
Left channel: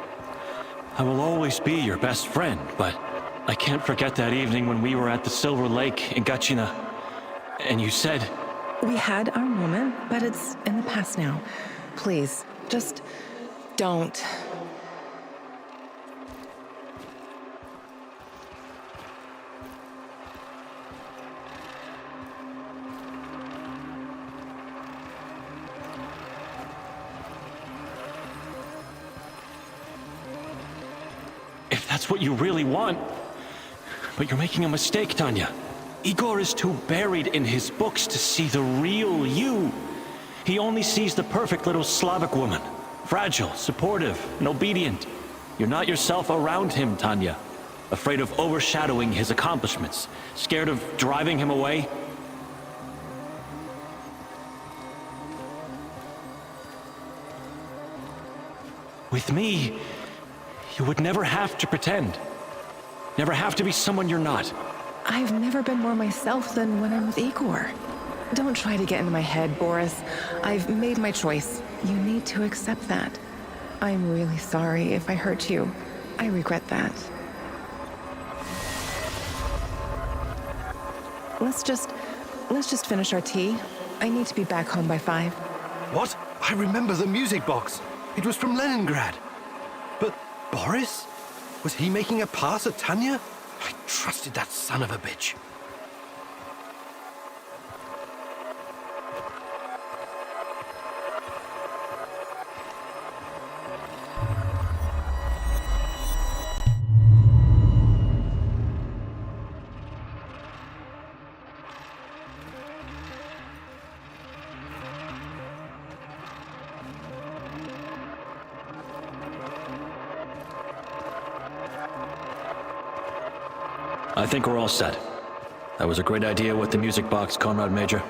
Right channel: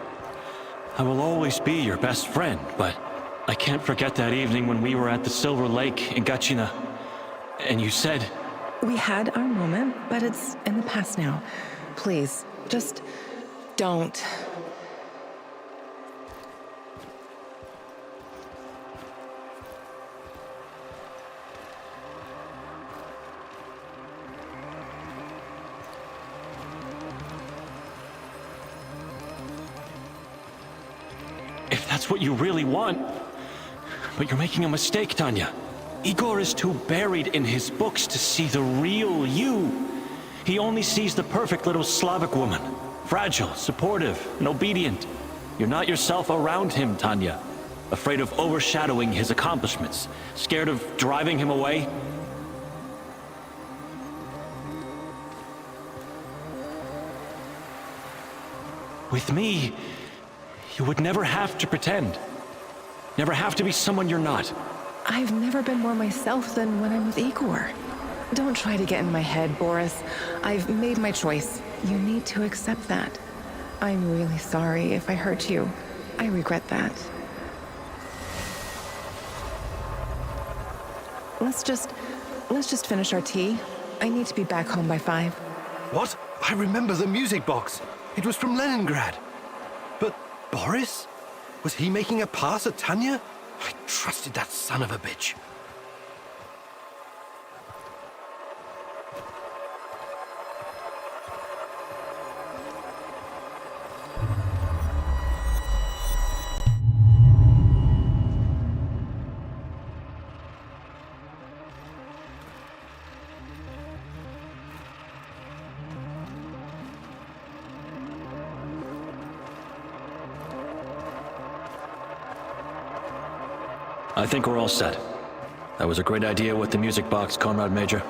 I will always be your best friend, but I can't forget that evening when we were at the Silver Lake in Gachina. And you said... We had our moment, but it's in the past now. Please, just don't. If that's what you really want... But you're making a mistake, Tanya. Igor is too buried in his books to see the real you. He only sees the perfect little Slavic woman. Fragile, supportive, and obedient. You're not yourself around him, Tanya. Afraid of overshadowing his accomplishments. Scared of driving him away. With me, you would never have to pretend. Never have to be someone you're not. I've never been more myself than when I'm with Igor. Don't try to get in my head, Boris. I've made my choice. You need to accept that. I'm really sorry if I hurt you. I regret that. Let's just finish our tea. I need to be back home by 5. What? I remember the music box. It was from Leningrad. But Boris? Was he making a pass at Tanya? I trusted that son of a bitch. I think we're all set. That was a great idea with the music box, Comrade Major.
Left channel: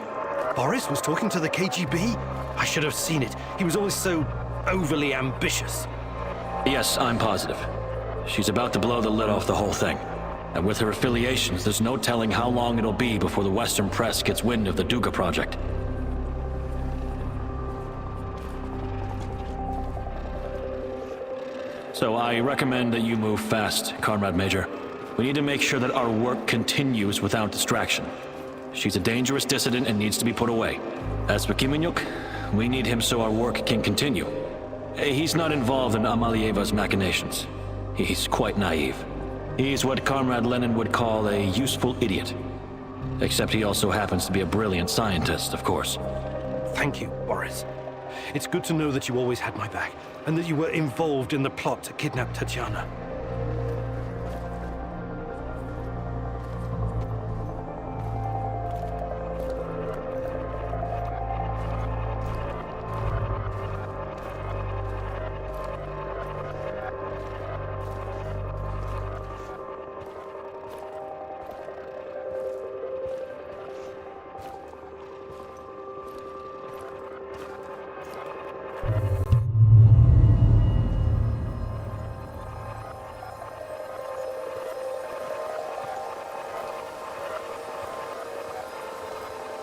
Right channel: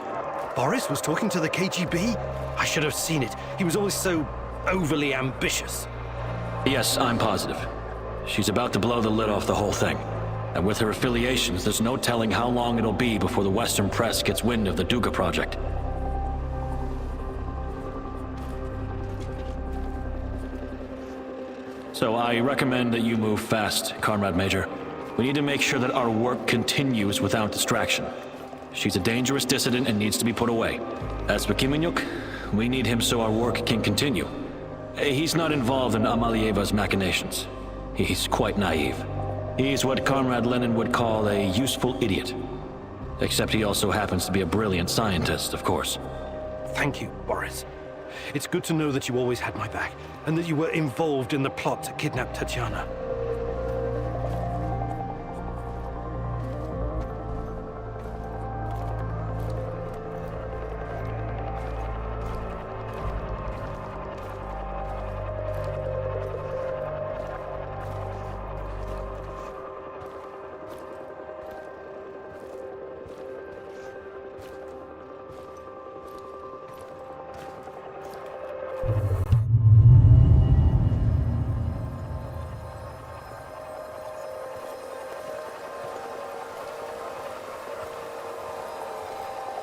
Boris was talking to the KGB? I should have seen it. He was always so overly ambitious. Yes, I'm positive. She's about to blow the lid off the whole thing. And with her affiliations, there's no telling how long it'll be before the Western press gets wind of the Duga project. So I recommend that you move fast, Comrade Major. We need to make sure that our work continues without distraction. She's a dangerous dissident and needs to be put away. As for Kimenyuk, we need him so our work can continue. He's not involved in Amalieva's machinations. He's quite naive. He's what Comrade Lenin would call a useful idiot. Except he also happens to be a brilliant scientist, of course. Thank you, Boris. It's good to know that you always had my back, and that you were involved in the plot to kidnap Tatiana.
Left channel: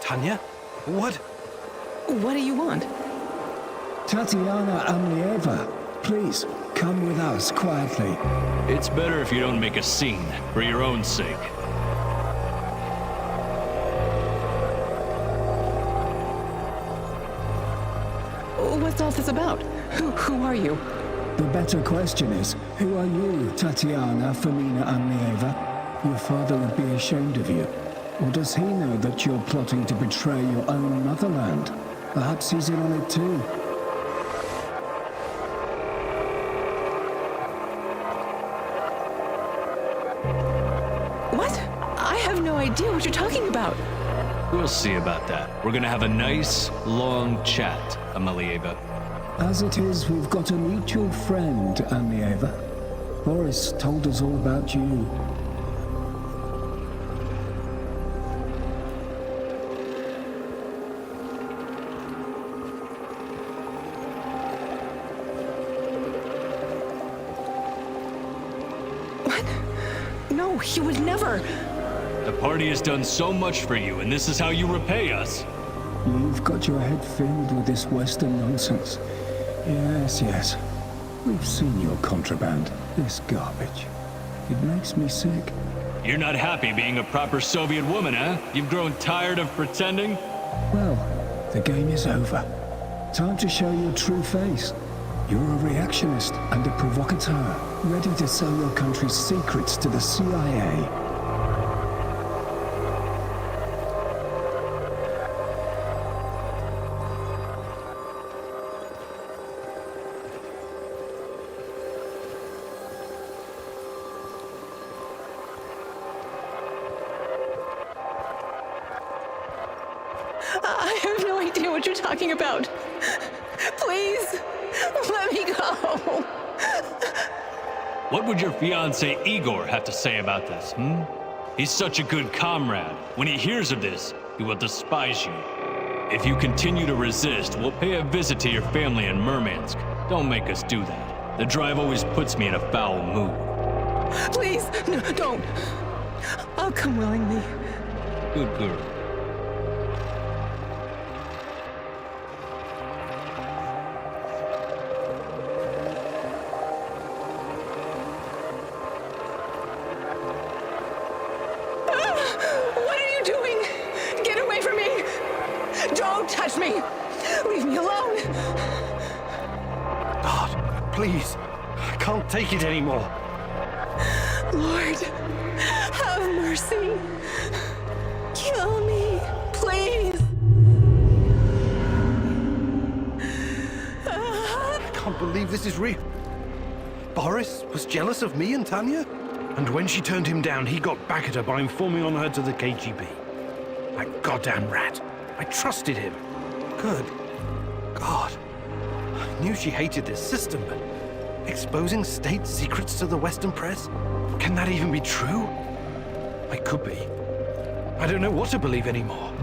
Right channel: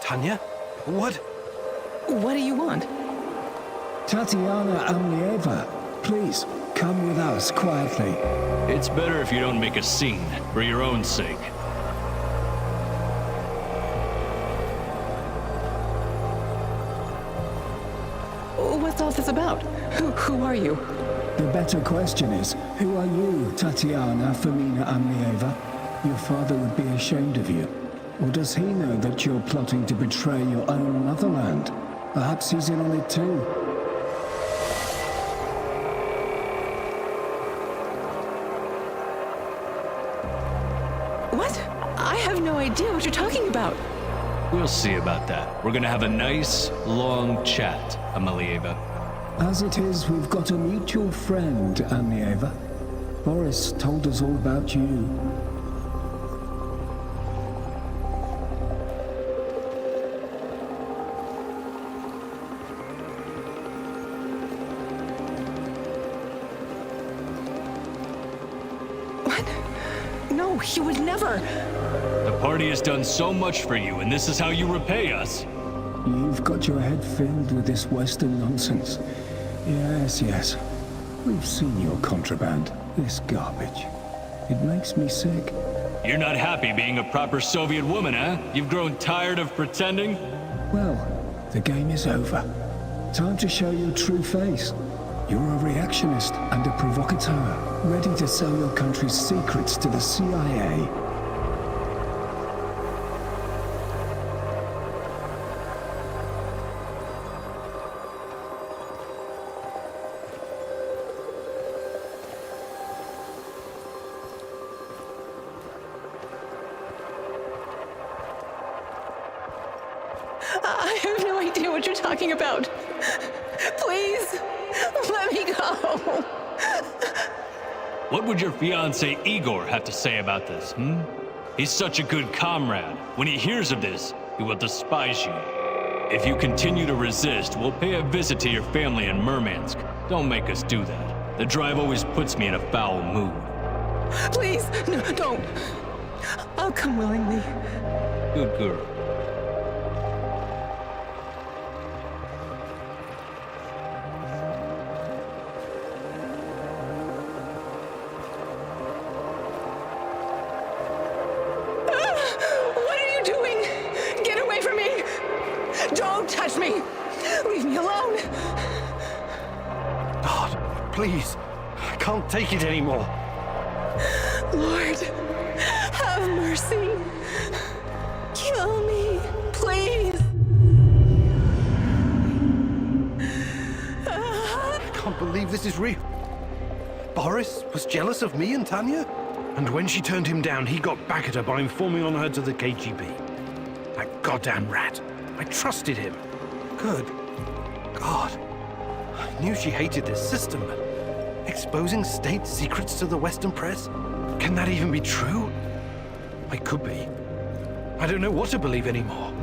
Tanya? What? What do you want? Tatiana Amlieva, please, come with us quietly. It's better if you don't make a scene, for your own sake. What's all this about? Who are you? The better question is, who are you, Tatiana Femina Amlieva? Your father would be ashamed of you. Or does he know that you're plotting to betray your own motherland? Perhaps he's in on it too. What? I have no idea what you're talking about. We'll see about that. We're gonna have a nice, long chat, Amelieva. As it is, we've got a mutual friend, Amlieva. Boris told us all about you. What? No, he would never. The party has done so much for you, and this is how you repay us. You've got your head filled with this Western nonsense. Yes. We've seen your contraband, this garbage. It makes me sick. You're not happy being a proper Soviet woman, huh? You've grown tired of pretending? Well, the game is over. Time to show your true face. You're a reactionist and a provocateur, ready to sell your country's secrets to the CIA. I have no idea what you're talking about. Please, let me go. What would your fiancé Igor have to say about this, He's such a good comrade. When he hears of this, he will despise you. If you continue to resist, we'll pay a visit to your family in Murmansk. Don't make us do that. The drive always puts me in a foul mood. Please, no, don't. I'll come willingly. Good girl. What are you doing? Get away from me! Don't touch me! Leave me alone! God, please. I can't take it anymore. Lord, have mercy. Kill me, please. I can't believe this is real. Boris was jealous of me and Tanya? And when she turned him down, he got back at her by informing on her to the KGB. That goddamn rat. I trusted him. Good God. I knew she hated this system, but exposing state secrets to the Western press? Can that even be true? I could be. I don't know what to believe anymore.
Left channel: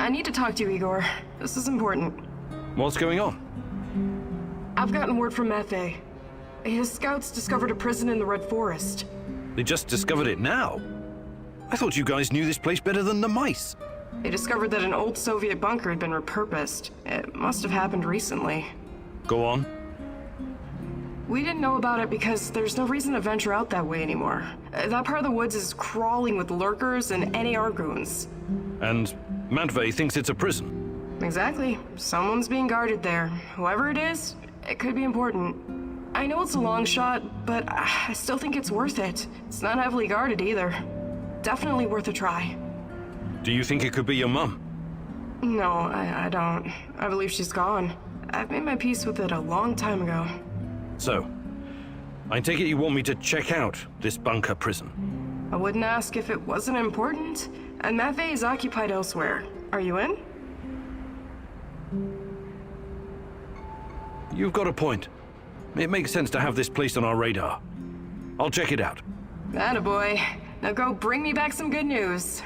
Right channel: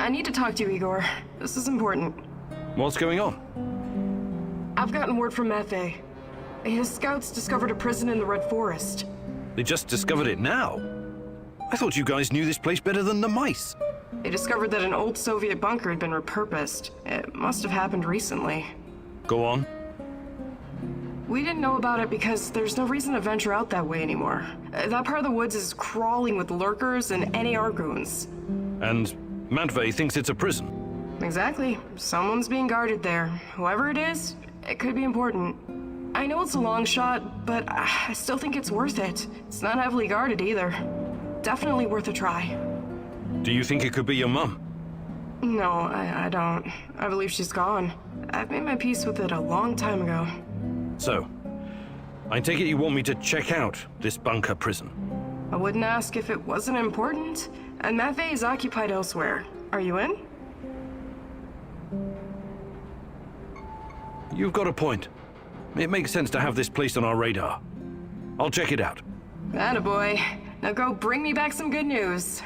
I need to talk to you, Igor. This is important. What's going on? I've gotten word from Matvey. His scouts discovered a prison in the Red Forest. They just discovered it now. I thought you guys knew this place better than the mice. They discovered that an old Soviet bunker had been repurposed. It must have happened recently. Go on. We didn't know about it because there's no reason to venture out that way anymore. That part of the woods is crawling with lurkers and NAR goons. And Matvey thinks it's a prison. Exactly. Someone's being guarded there. Whoever it is, it could be important. I know it's a long shot, but I still think it's worth it. It's not heavily guarded either. Definitely worth a try. Do you think it could be your mum? No, I don't. I believe she's gone. I've made my peace with it a long time ago. So, I take it you want me to check out this bunker prison? I wouldn't ask if it wasn't important. And Matvey is occupied elsewhere. Are you in? You've got a point. It makes sense to have this place on our radar. I'll check it out. Attaboy. Now go bring me back some good news.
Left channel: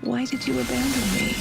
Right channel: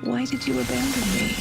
Why did you abandon me?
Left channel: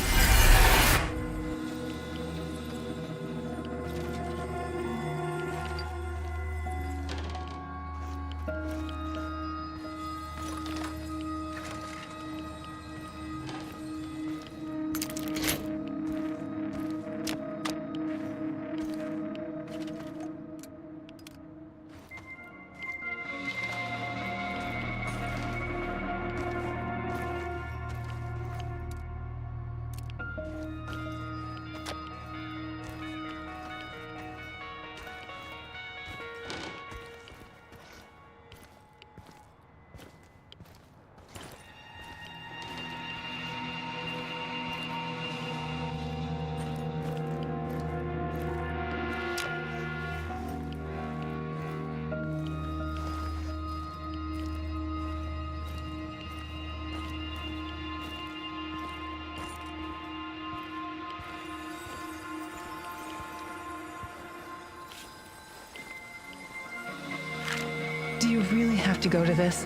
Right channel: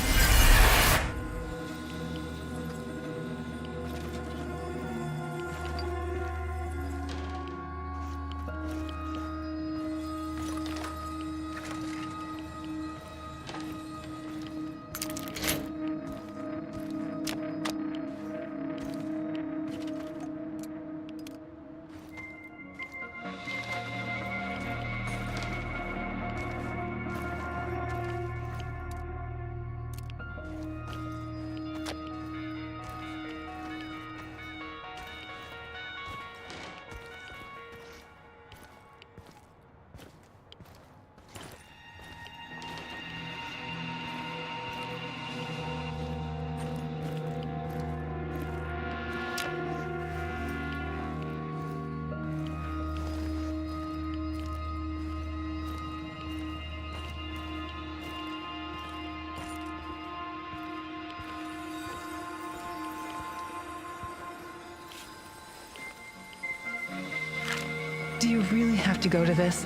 Do you really have to go to this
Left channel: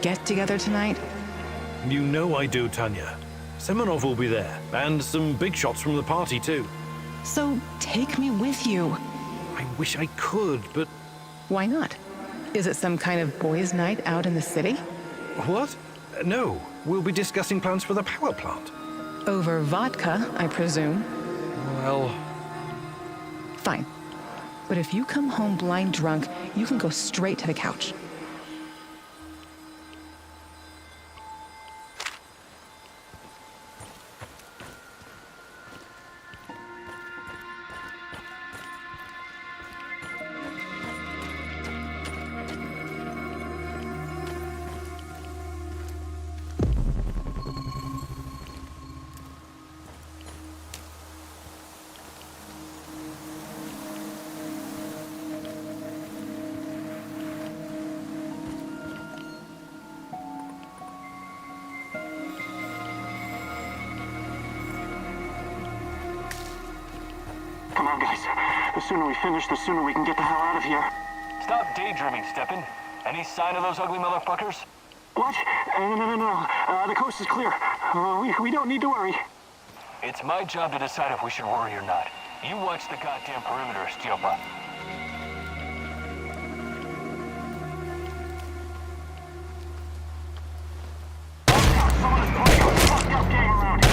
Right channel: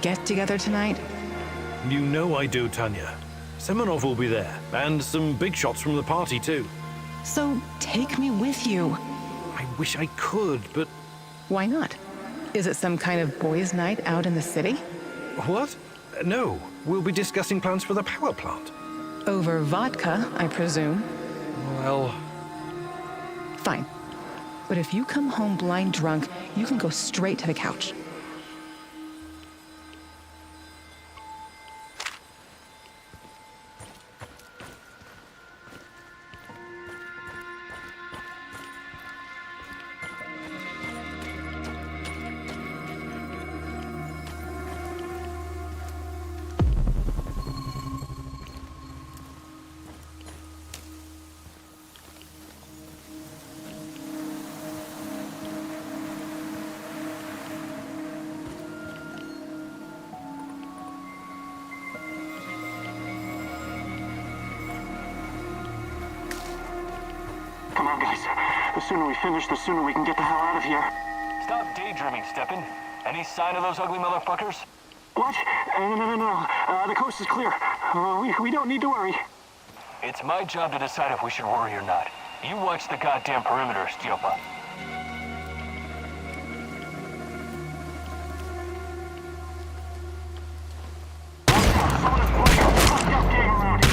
get-together tonight? You know I do, Tanya. Semenov will be there, and some big shots from the party, too. So take me with you. I wish I could, but... Why not? Is it some kind of boys' night out in the city? What? No, we'll be discussing plans for the power plant. Over vodka, I presume. Well... Fine. But if you come home blind drunk, you can go straight to the couch. Come on, guys. The sooner we finish, the sooner we can get the hell out of here. Stop daydreaming, Steppen. Any sign of those ugly motherfuckers? What? No. The coast is clear. We don't need to worry. It's my job to decide if we should worry or not. You watch the goddamn perimeter, Stiopa. Watch out! Someone is playing a fucked up game around here.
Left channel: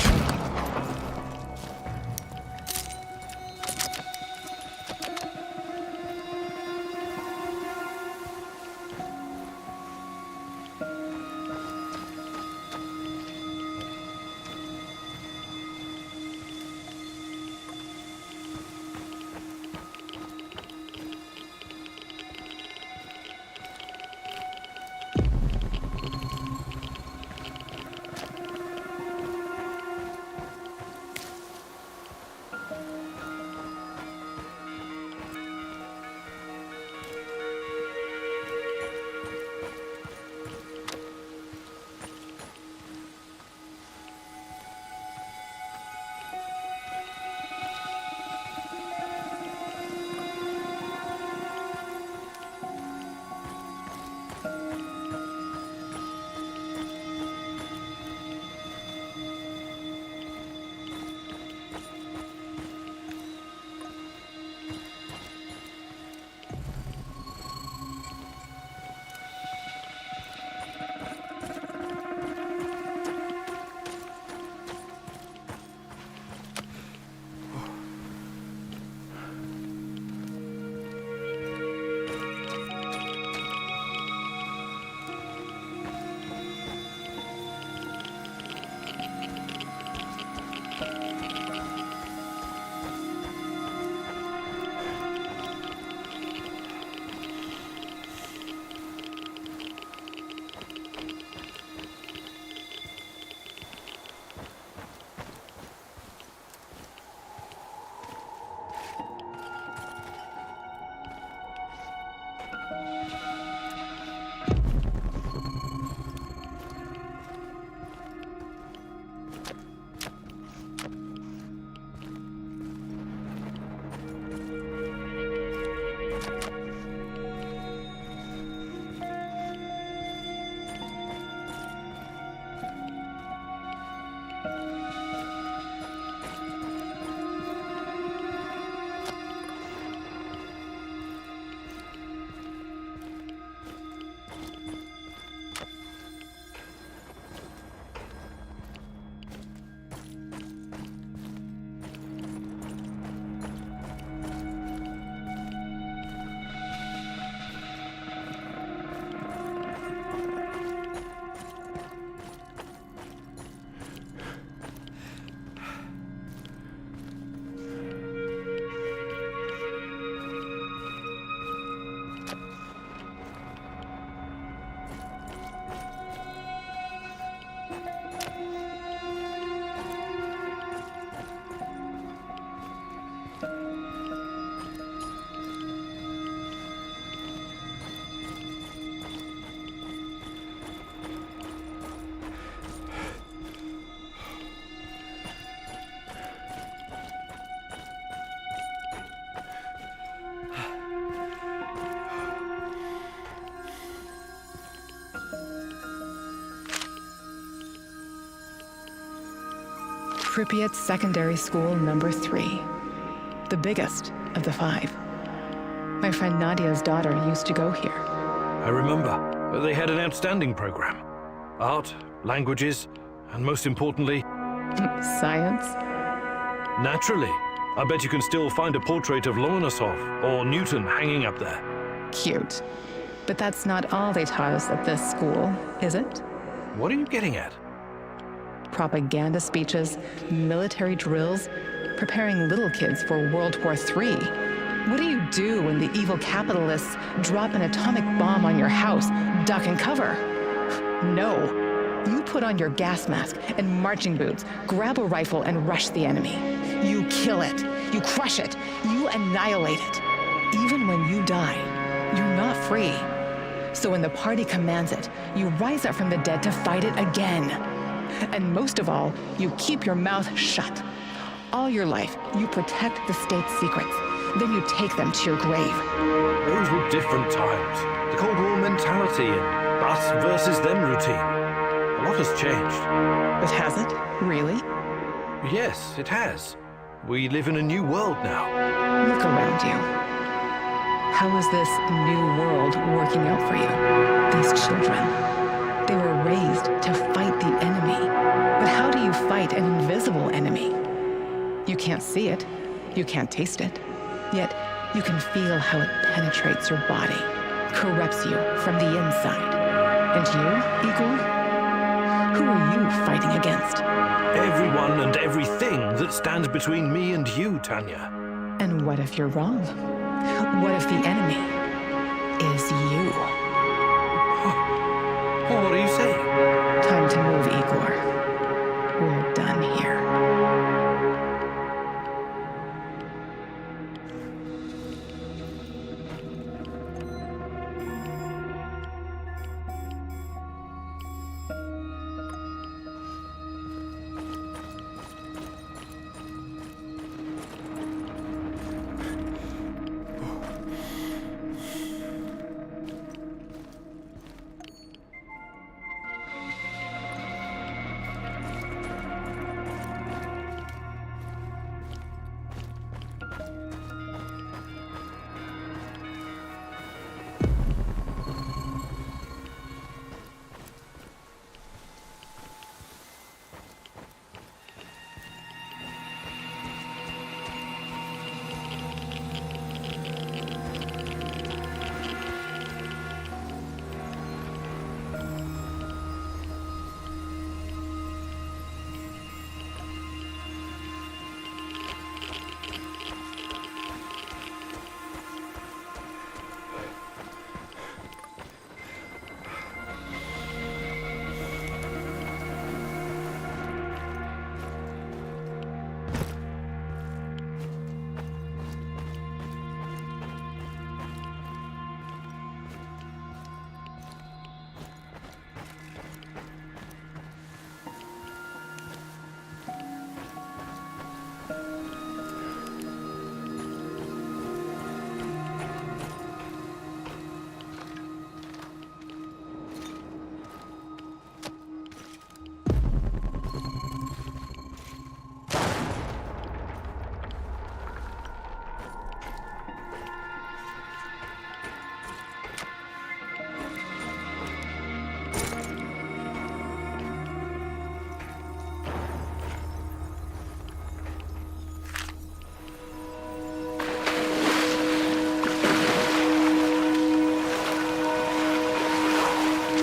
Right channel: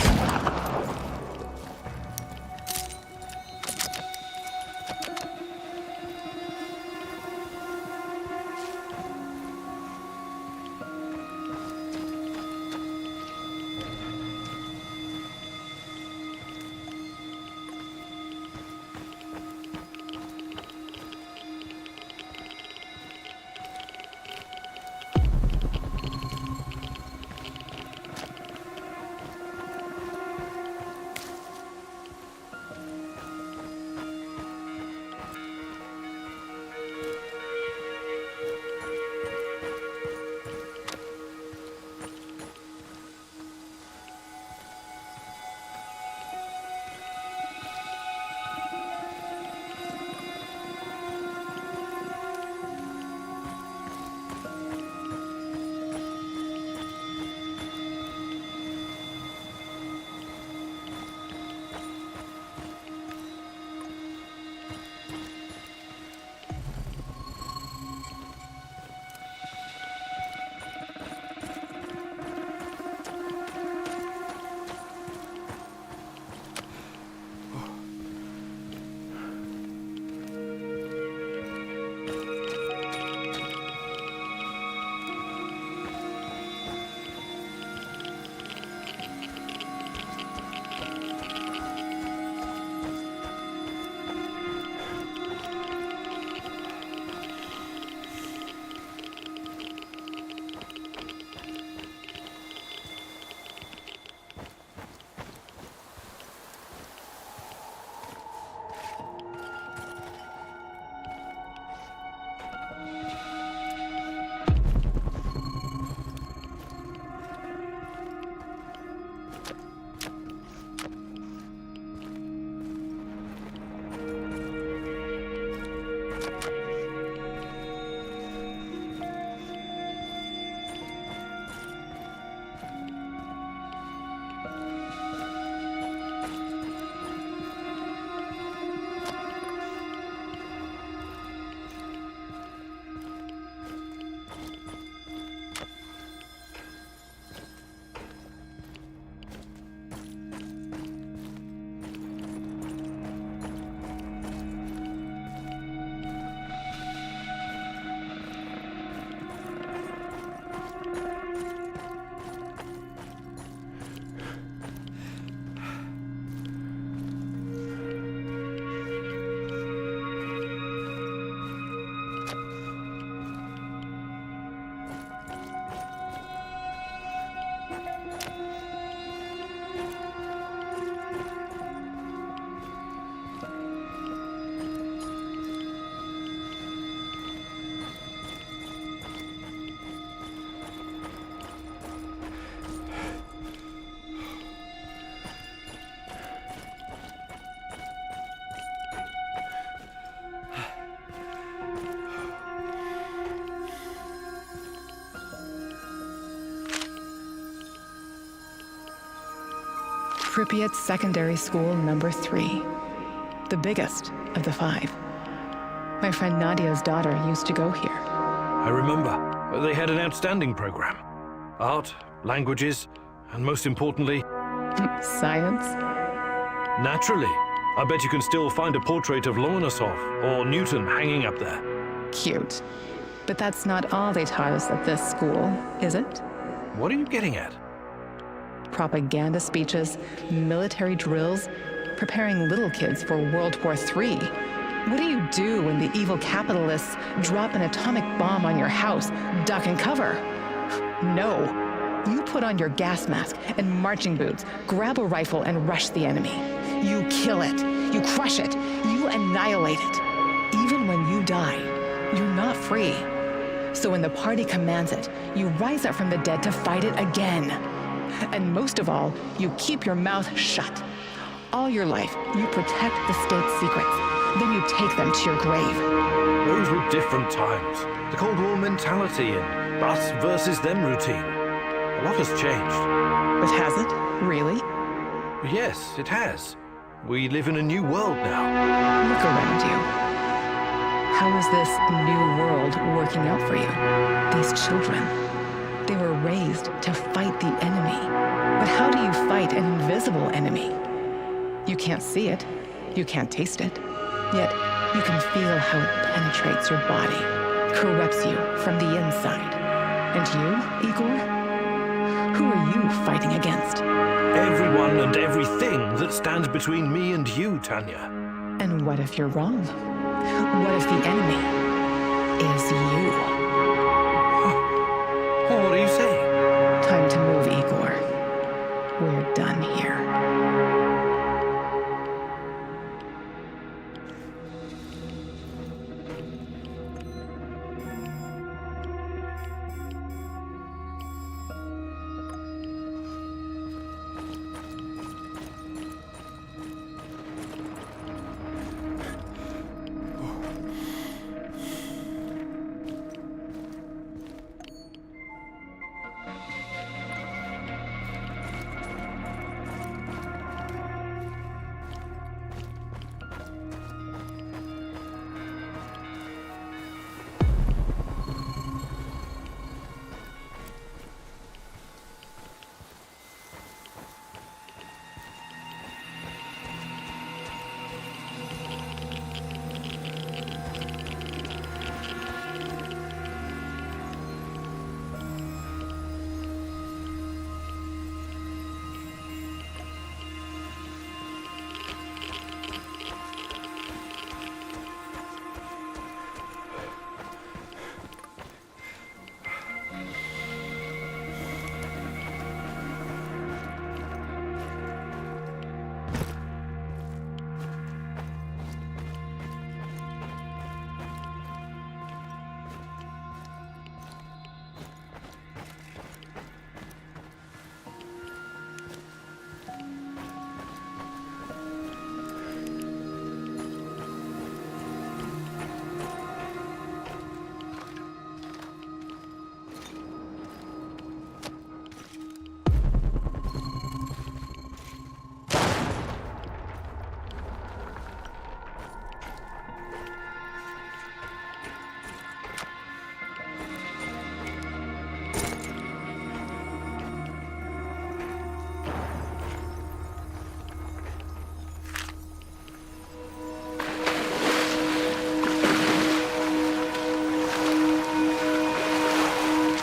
Pripyat Secondary School number 3. The biggest of the 5. My friend Nadia's daughter used to go here. I remember. They had an outstanding program. Art, languages, and most importantly, Science? naturally. I bet you can still find a portrait of Lomonosov or Newton hanging up there. Cute. But that's not all they taught us at this school, is it? What are you getting at? Propaganda speeches, military drills, preparing little kids for World War III. What do you do when the evil capitalists drop an atomic bomb on your house? Duck and cover. No. You put on your gas mask and marching boots, grab a rifle and rush the enemy. You kill it. You crush it. You annihilate it. Even when you die, you're not free. So when the party commands it, you rise up from the dead to fight it again. And most of all, you keep your mouth shut. All your life, you protect the state's secrets. Then you take them to your grave. Those were different times. The Cold War mentality and us versus them routine. A lot has changed. But has it? Really? Yes, it has. We live in a new world now. Look around you. How is this new world working out for you? These children, they were raised to fight the enemy. But how do you fight an invisible enemy? You can't see it. You can't taste it. Yet, you can feel how it penetrates your body, corrupts you from the inside. And you, Igor? Who are you fighting against? Everyone and everything that stands between me and you, Tanya. And what if you're wrong? What if the enemy is you? What are you saying? Time to move, Igor. We're done here.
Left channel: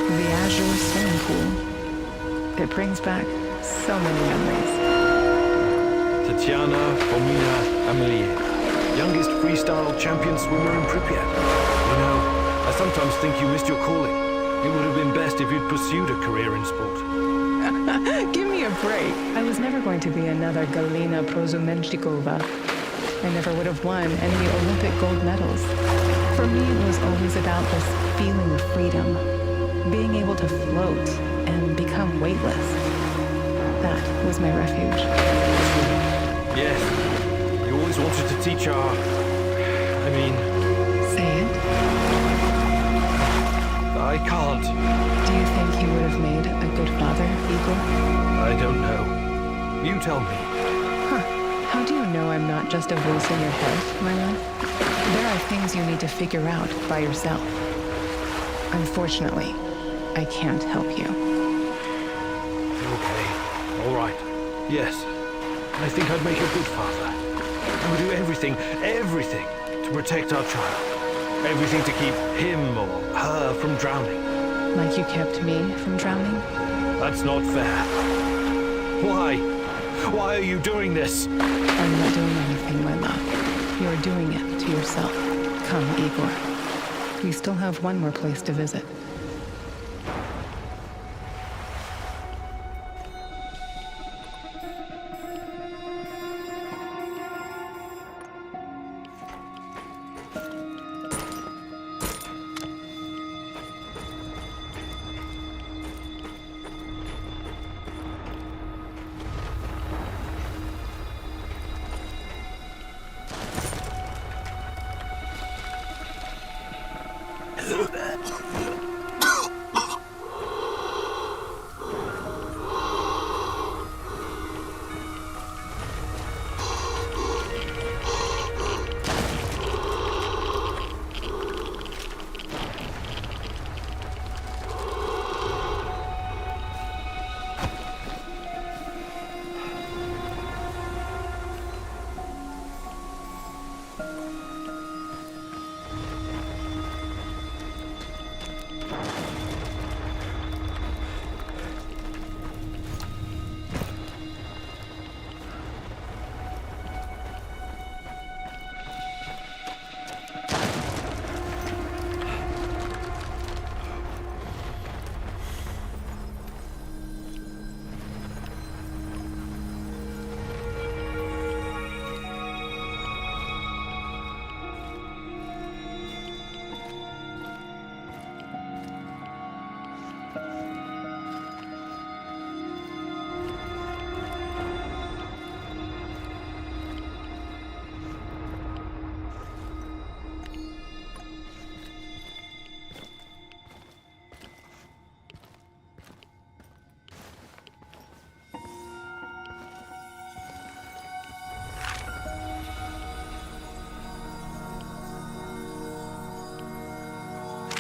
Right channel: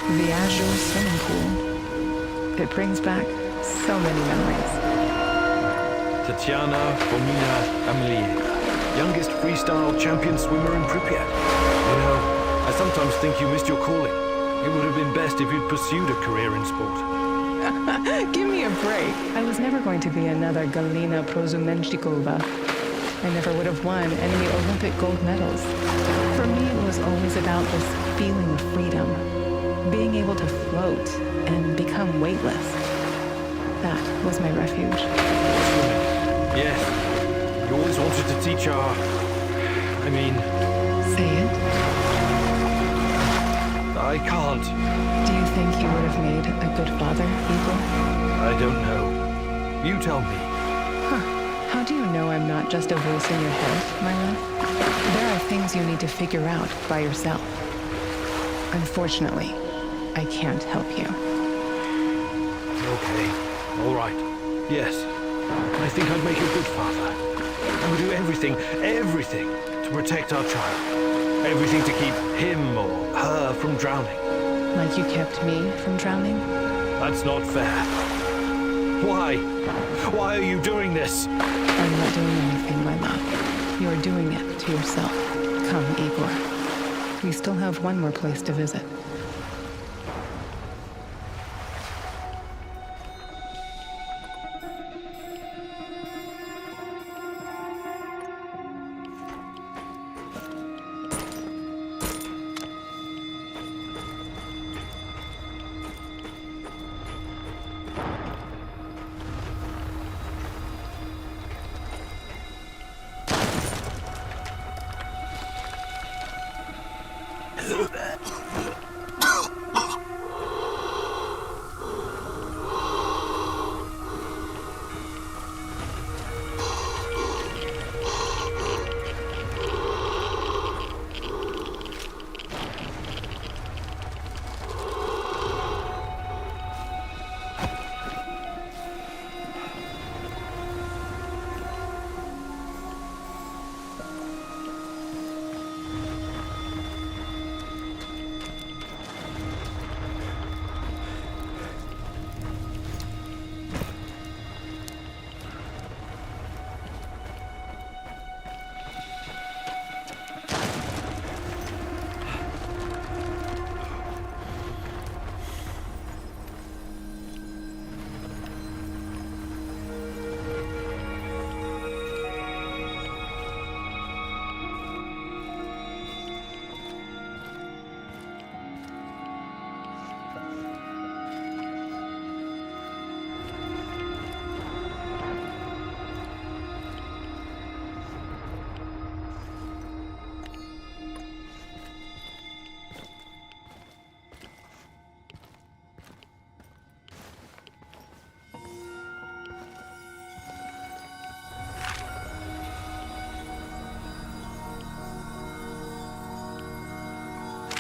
The Azure swimming pool. It brings back so many memories. Tatiana Fomina Amelieva, youngest freestyle champion swimmer in Pripyat. You know, I sometimes think you missed your calling. It would have been best if you'd pursued a career in sport. Give me a break. I was never going to be another Galina Prozumenchikova. I never would have won any Olympic gold medals. For me, it was always about this feeling of freedom, being able to float and become weightless. That was my refuge. Yes, you always wanted to teach Say it. I can't. Do you think you would have made a good father, Igor? I don't know. You tell me. How do you know I'm not just a voice in your head, my love? There are things you need to figure out by yourself. Unfortunately, I can't help you. All right. Yes. I think I'd make a good father. I would do everything to protect our child. Everything to keep him or her from drowning. Like you kept me from drowning? That's not fair. Why? Why are you doing this? I'm not doing anything, my love. You're doing it to yourself. Come, Igor. We still have one more place to visit.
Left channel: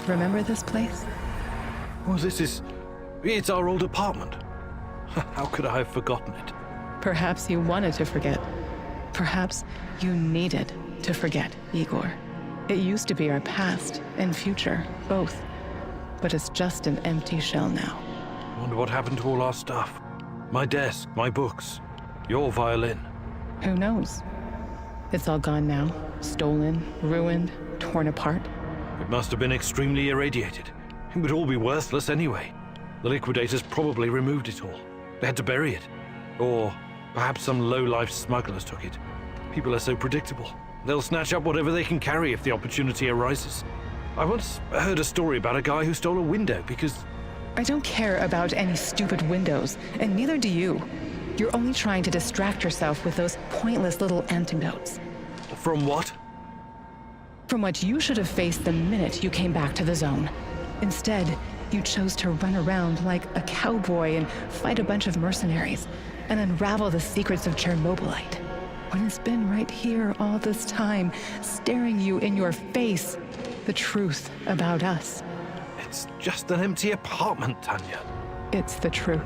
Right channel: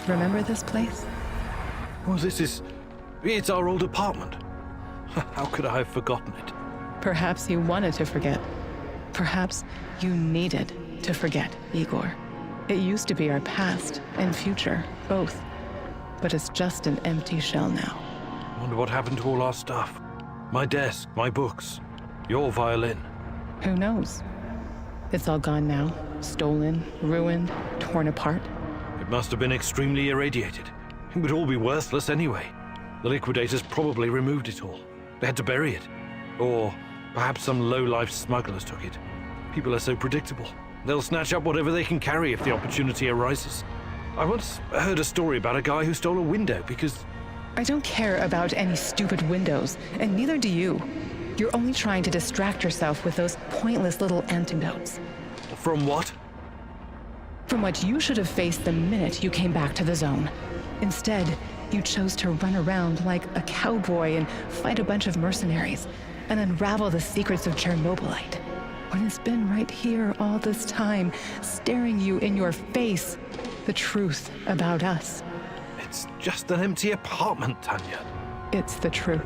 Remember this place? Well, it's our old apartment. How could I have forgotten it? Perhaps you wanted to forget. Perhaps you needed to forget, Igor. It used to be our past and future, both. But it's just an empty shell now. I wonder what happened to all our stuff. My desk, my books, your violin. Who knows? It's all gone now. Stolen, ruined, torn apart. It must have been extremely irradiated. It would all be worthless anyway. The liquidators probably removed it all. They had to bury it. Or perhaps some low-life smugglers took it. People are so predictable. They'll snatch up whatever they can carry if the opportunity arises. I once heard a story about a guy who stole a window because... I don't care about any stupid windows, and neither do you. You're only trying to distract yourself with those pointless little antidotes. From what? From what you should have faced the minute you came back to the zone. Instead, you chose to run around like a cowboy and fight a bunch of mercenaries and unravel the secrets of Chernobylite. When it's been right here all this time, staring you in your face, the truth about us. It's just an empty apartment, Tanya. It's the truth.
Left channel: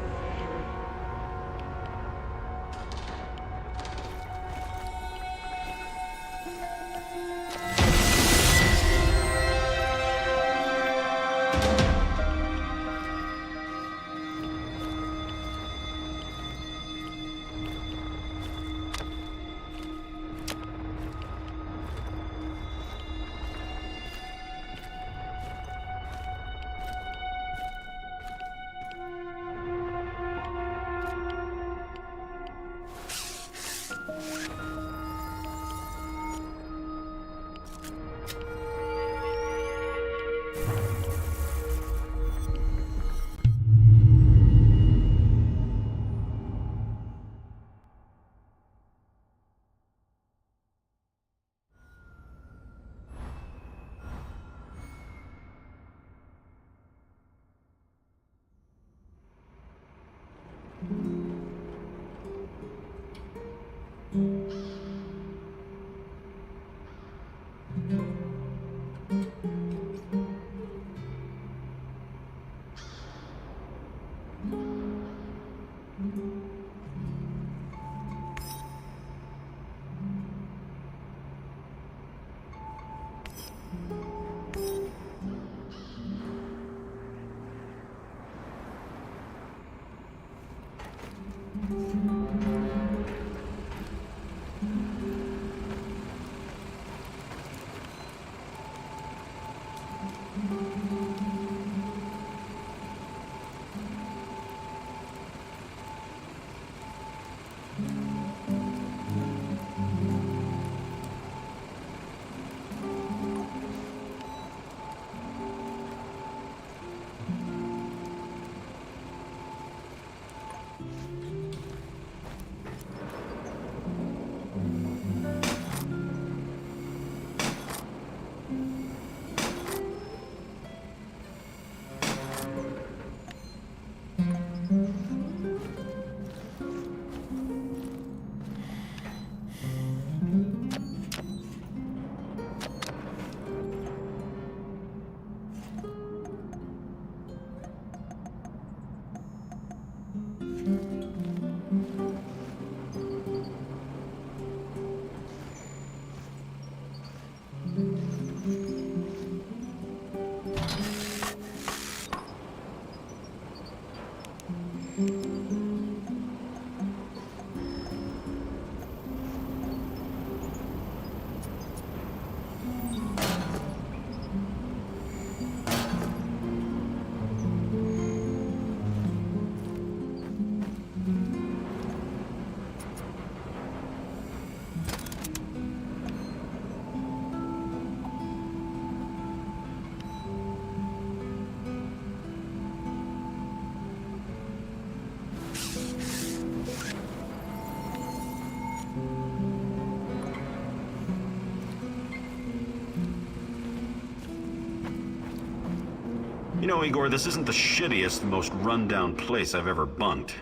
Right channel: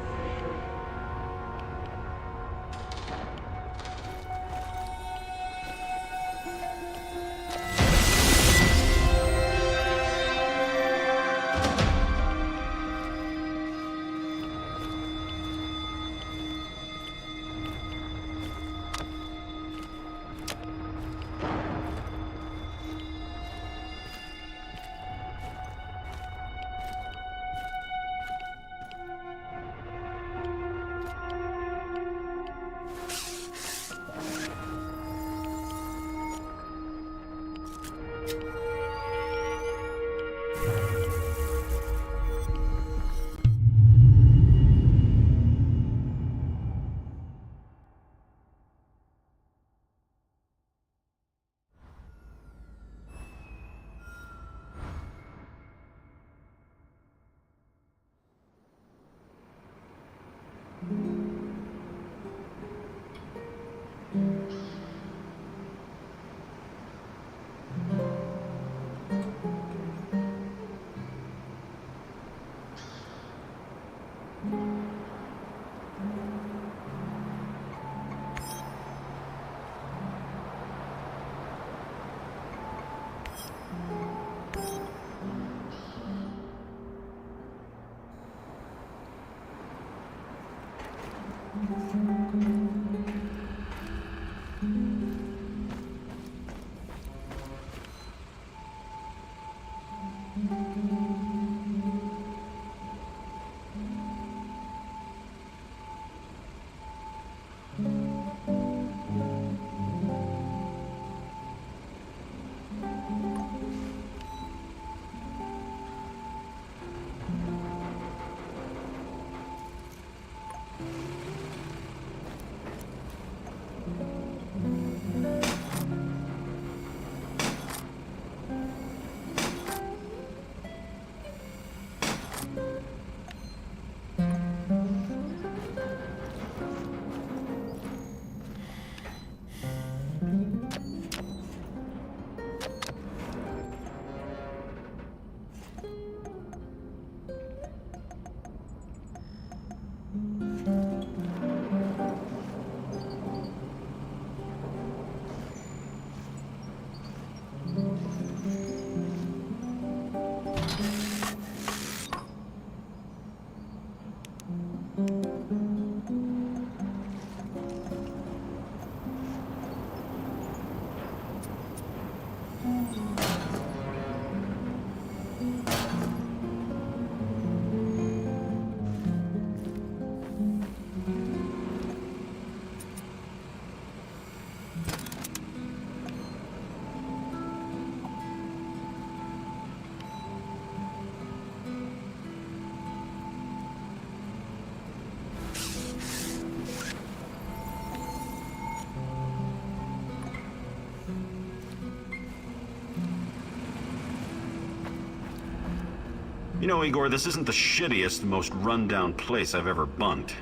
You know, Igor, this isn't the shittiest, most run-down place I've ever bunked.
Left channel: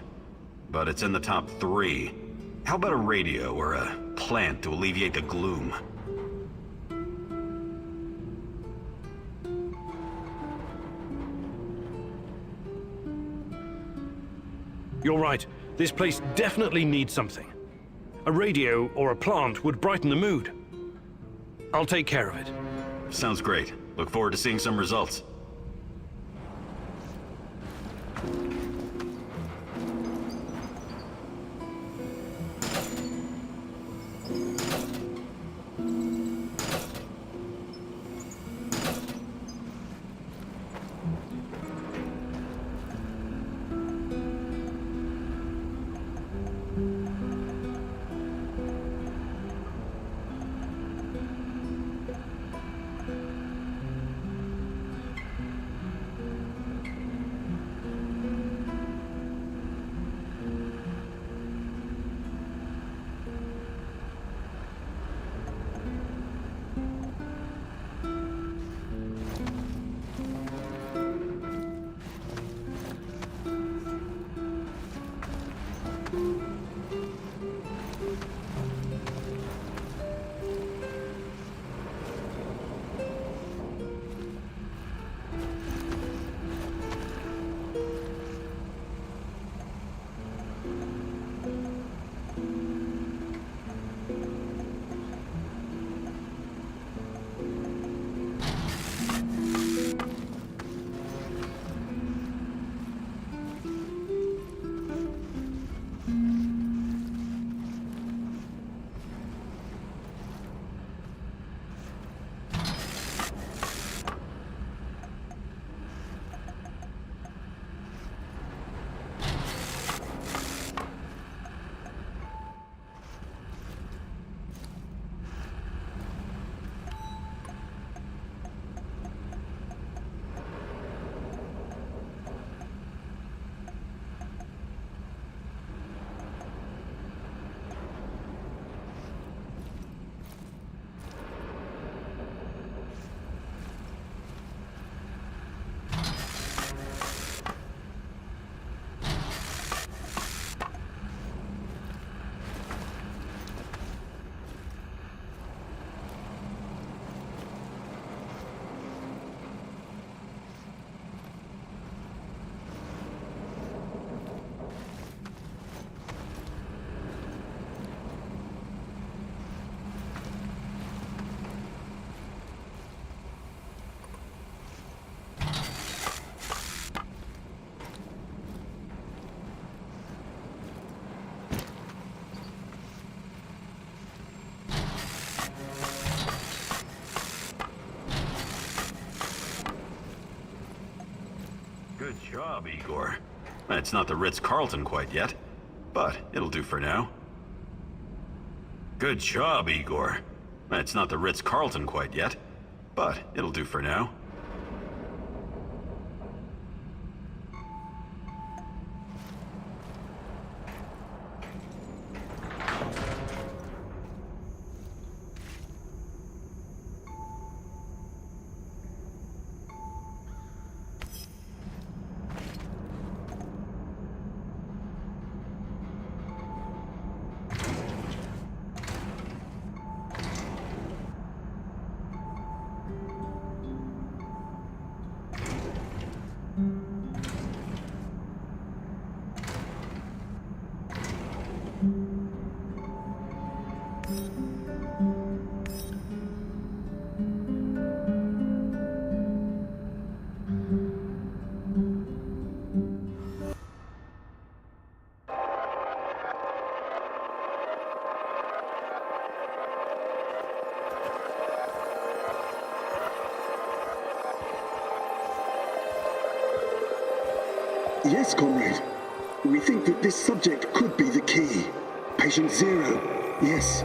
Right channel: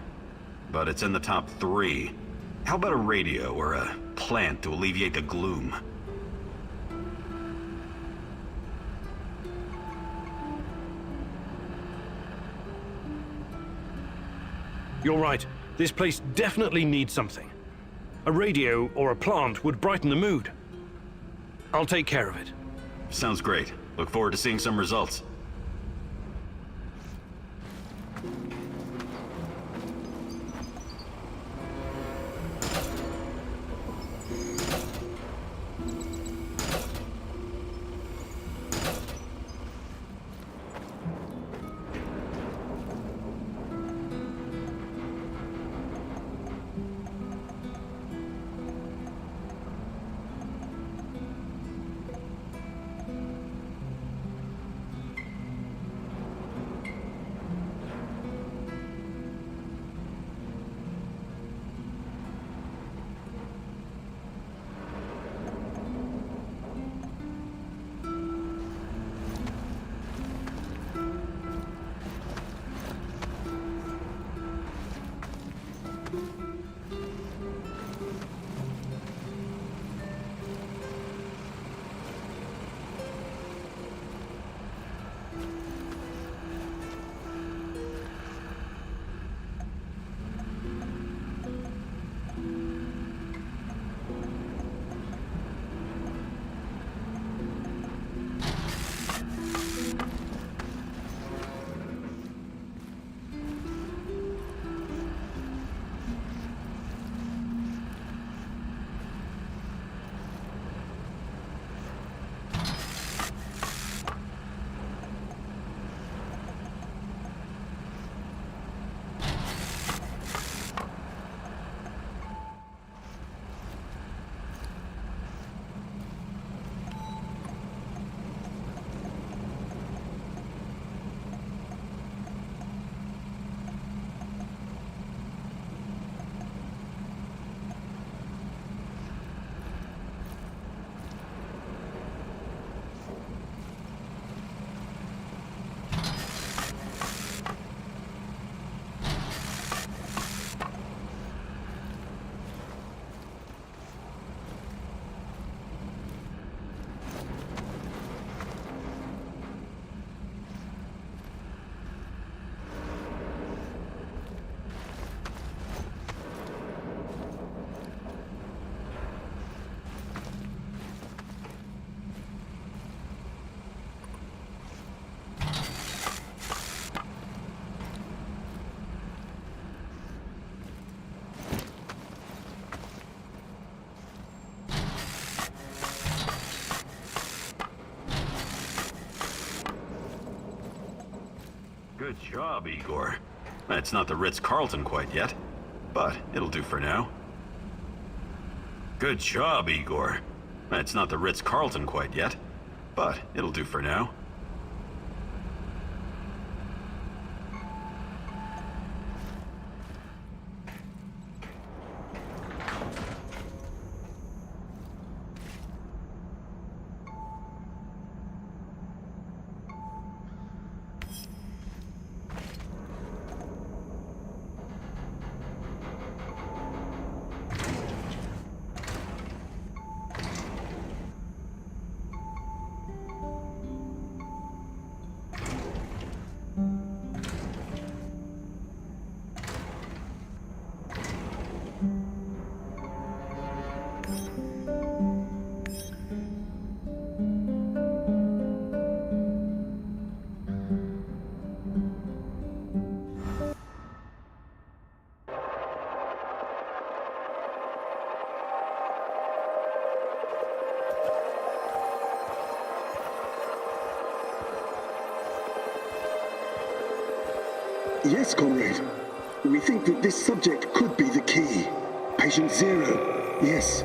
But it's in the top 3. How about a radio or a plant to alleviate the gloom? You're right. This place definitely needs something. A radio or a plant would brighten the mood. I'll take care of it. Sounds great. Look forward to seeing some results. Good job, Igor. It's not the Ritz-Carlton quite yet, but it'll do for now. Good job, Igor. It's not the Ritz-Carlton quite yet, but it'll do for now. Yes, comrade. We think that this subject could be the key. Patient Zero. Yes.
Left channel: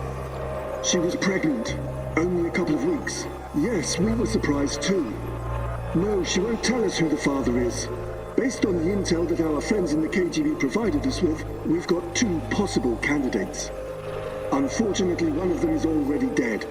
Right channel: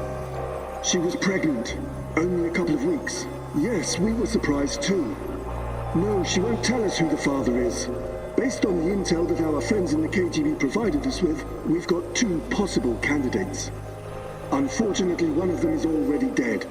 She was pregnant. Only a couple of weeks. Yes, we were surprised too. No, she won't tell us who the father is. Based on the intel that our friends in the KGB provided us with, we've got 2 possible candidates. Unfortunately, one of them is already dead.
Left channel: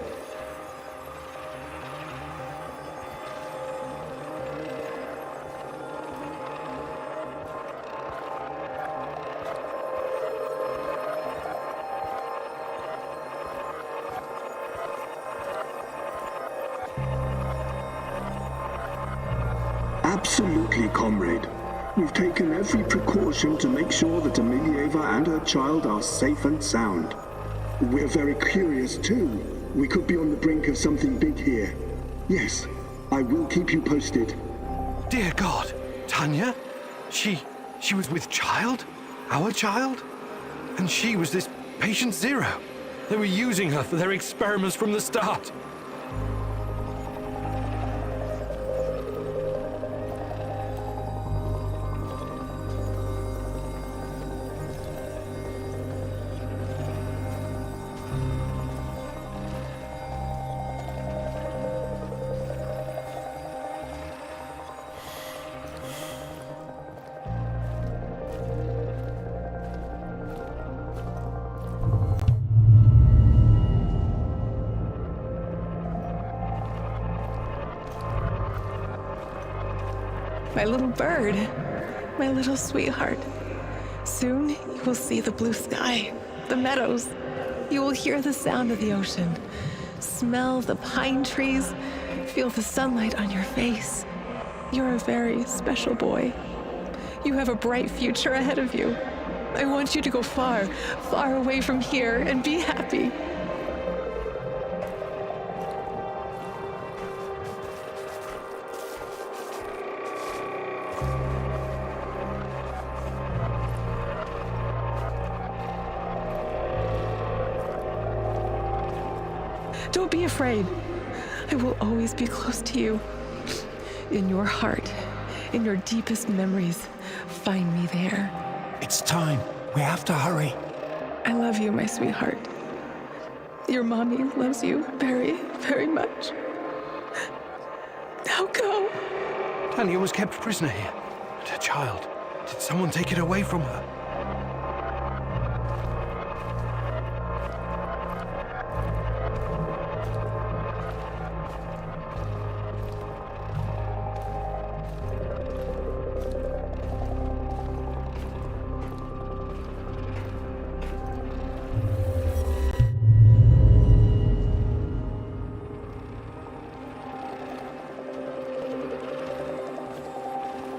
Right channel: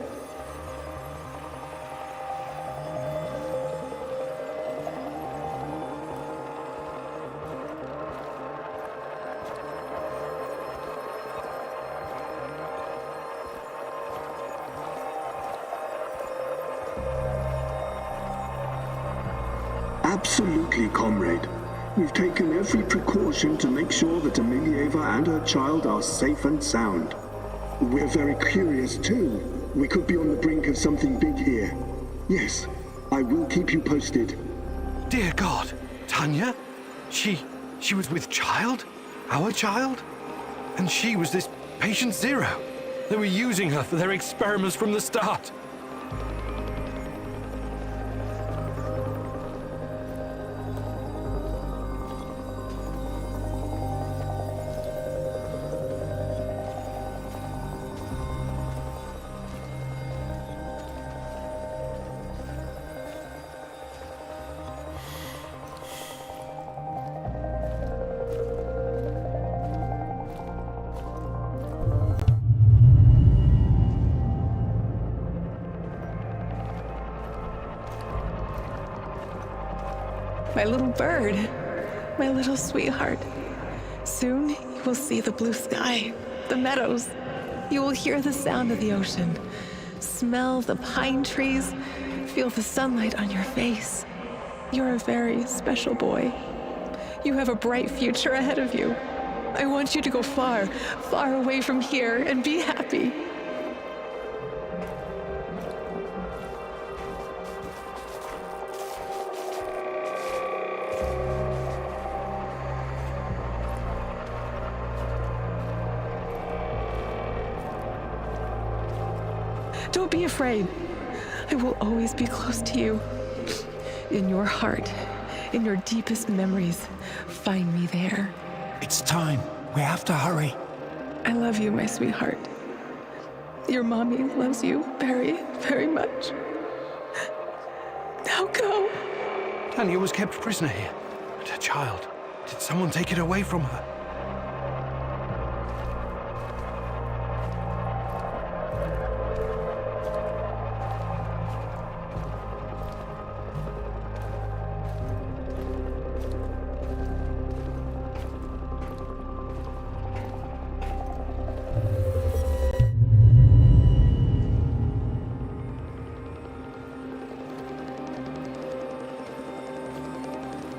Absolutely, comrade. We've taken every precaution to make sure that Amelieva and her child are safe and sound. We're very curious too. We could be on the brink of something big here. Yes, I will keep you posted. Dear God, Tanya? She was with child? Our child? And she was this patient Zero. They were using her for their experiments from the start. My little bird, my little sweetheart. Soon you will see the blue sky, the meadows. You will hear the sound of the ocean, smell the pine trees, feel the sunlight on your face. You're a very special boy. You have a bright future ahead of you. I want you to go far, far away from here and be happy. Don't be afraid. I will always be close to you. In your heart, in your deepest memories, find me there. It's time. We have to hurry. I love you, my sweetheart. Your mommy loves you very, very much. Now go. Tanya was kept prisoner here. And her child. Did someone take it away from her?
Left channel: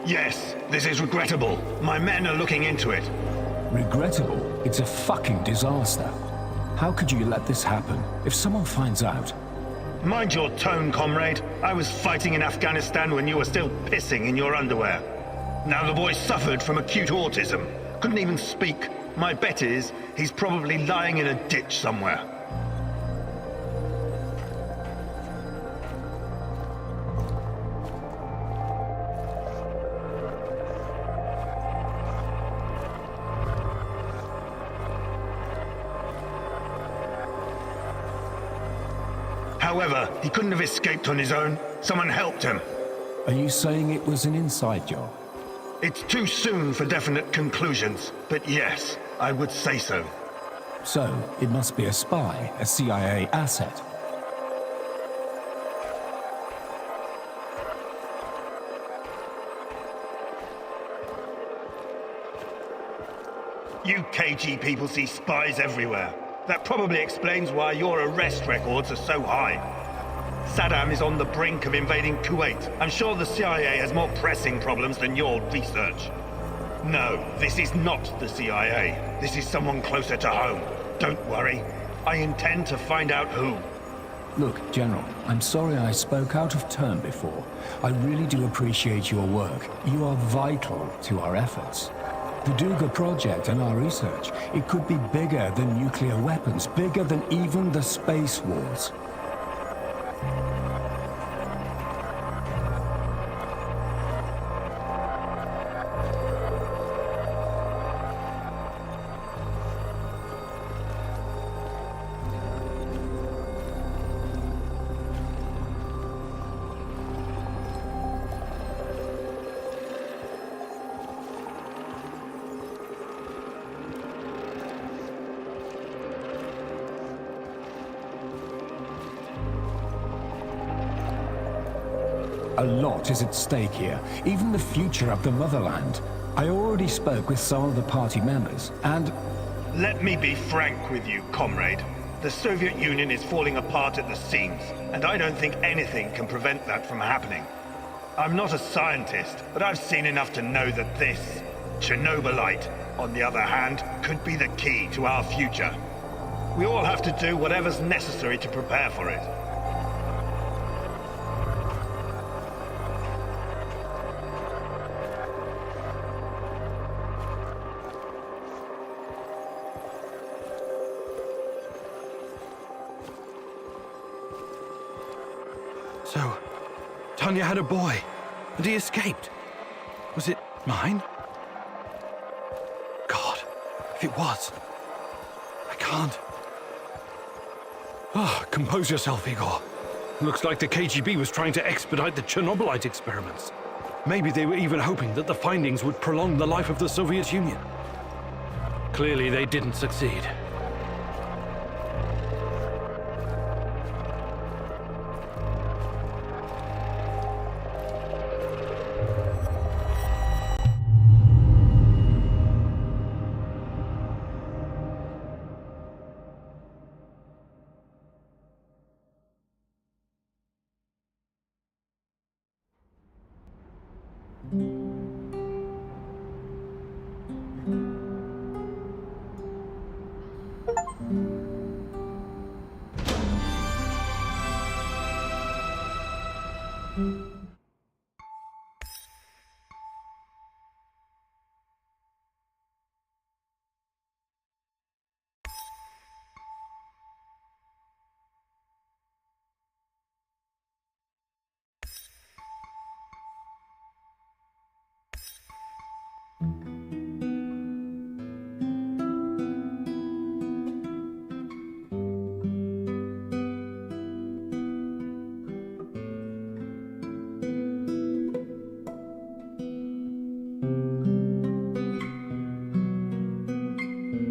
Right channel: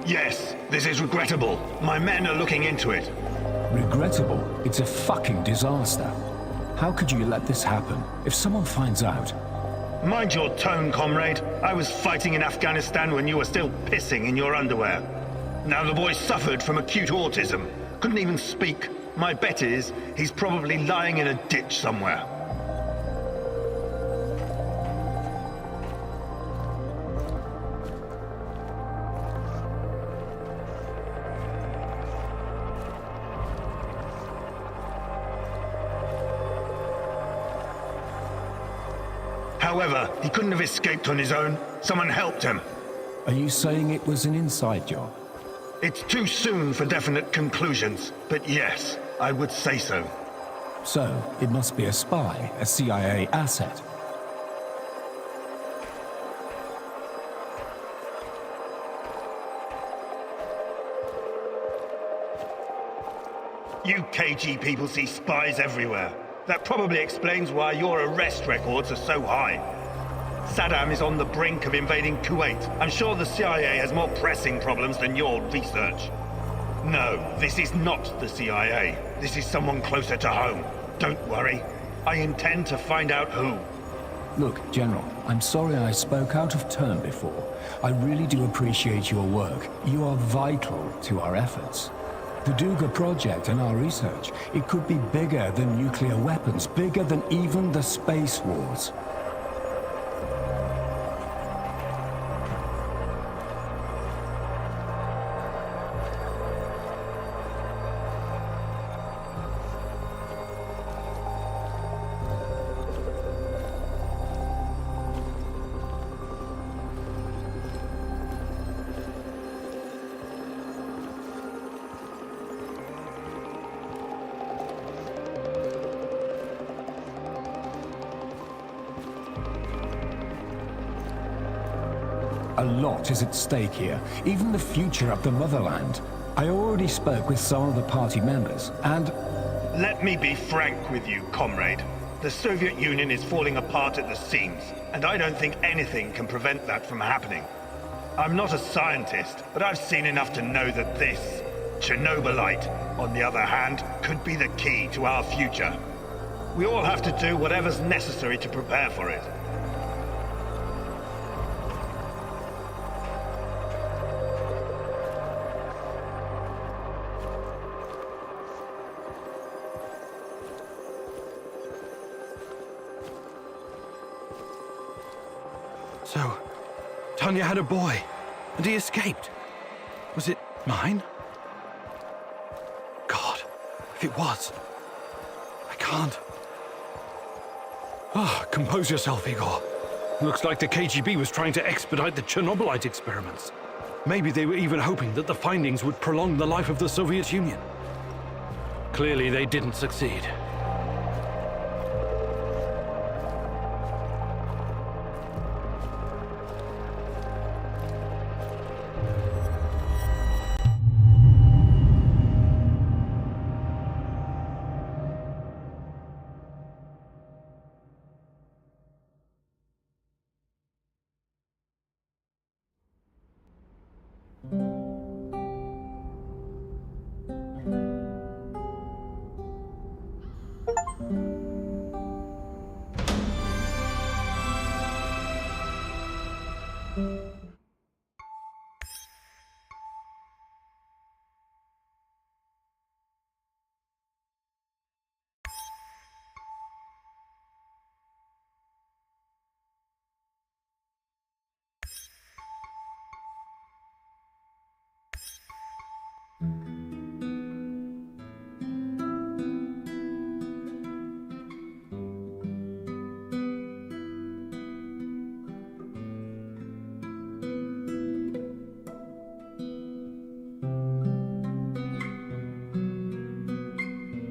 Yes, this is regrettable. My men are looking into it. Regrettable? It's a fucking disaster. How could you let this happen? If someone finds out... Mind your tone, comrade. I was fighting in Afghanistan when you were still pissing in your underwear. Now the boy suffered from acute autism. Couldn't even speak. My bet is he's probably lying in a ditch somewhere. However, he couldn't have escaped on his own. Someone helped him. Are you saying it was an inside job? It's too soon for definite conclusions, but yes, I would say so. So, it must be a spy, a CIA asset. You KG people see spies everywhere. That probably explains why your arrest records are so high. Saddam is on the brink of invading Kuwait. I'm sure the CIA has more pressing problems than your research. No, this is not the CIA. This is someone closer to home. Don't worry. I intend to find out who. Look, General, I'm sorry I spoke out of turn before. I really do appreciate your work. You are vital to our efforts. The Duga project and our research, it could be bigger than nuclear weapons, bigger than even the space wars. A lot is at stake here, even the future of the motherland. I already spoke with some of the party members, and... Let me be frank with you, comrade. The Soviet Union is falling apart at the seams, and I don't think anything can prevent that from happening. I'm not a scientist, but I've seen enough to know that this, Chernobylite, on the other hand, could be the key to our future. We all have to do whatever's necessary to prepare for it. So, Tanya had a boy, and he escaped. Was it mine? God, if it was, I can't. Compose yourself, Igor. Looks like the KGB was trying to expedite the Chernobylite experiments. Maybe they were even hoping that the findings would prolong the life of the Soviet Union. Clearly, they didn't succeed.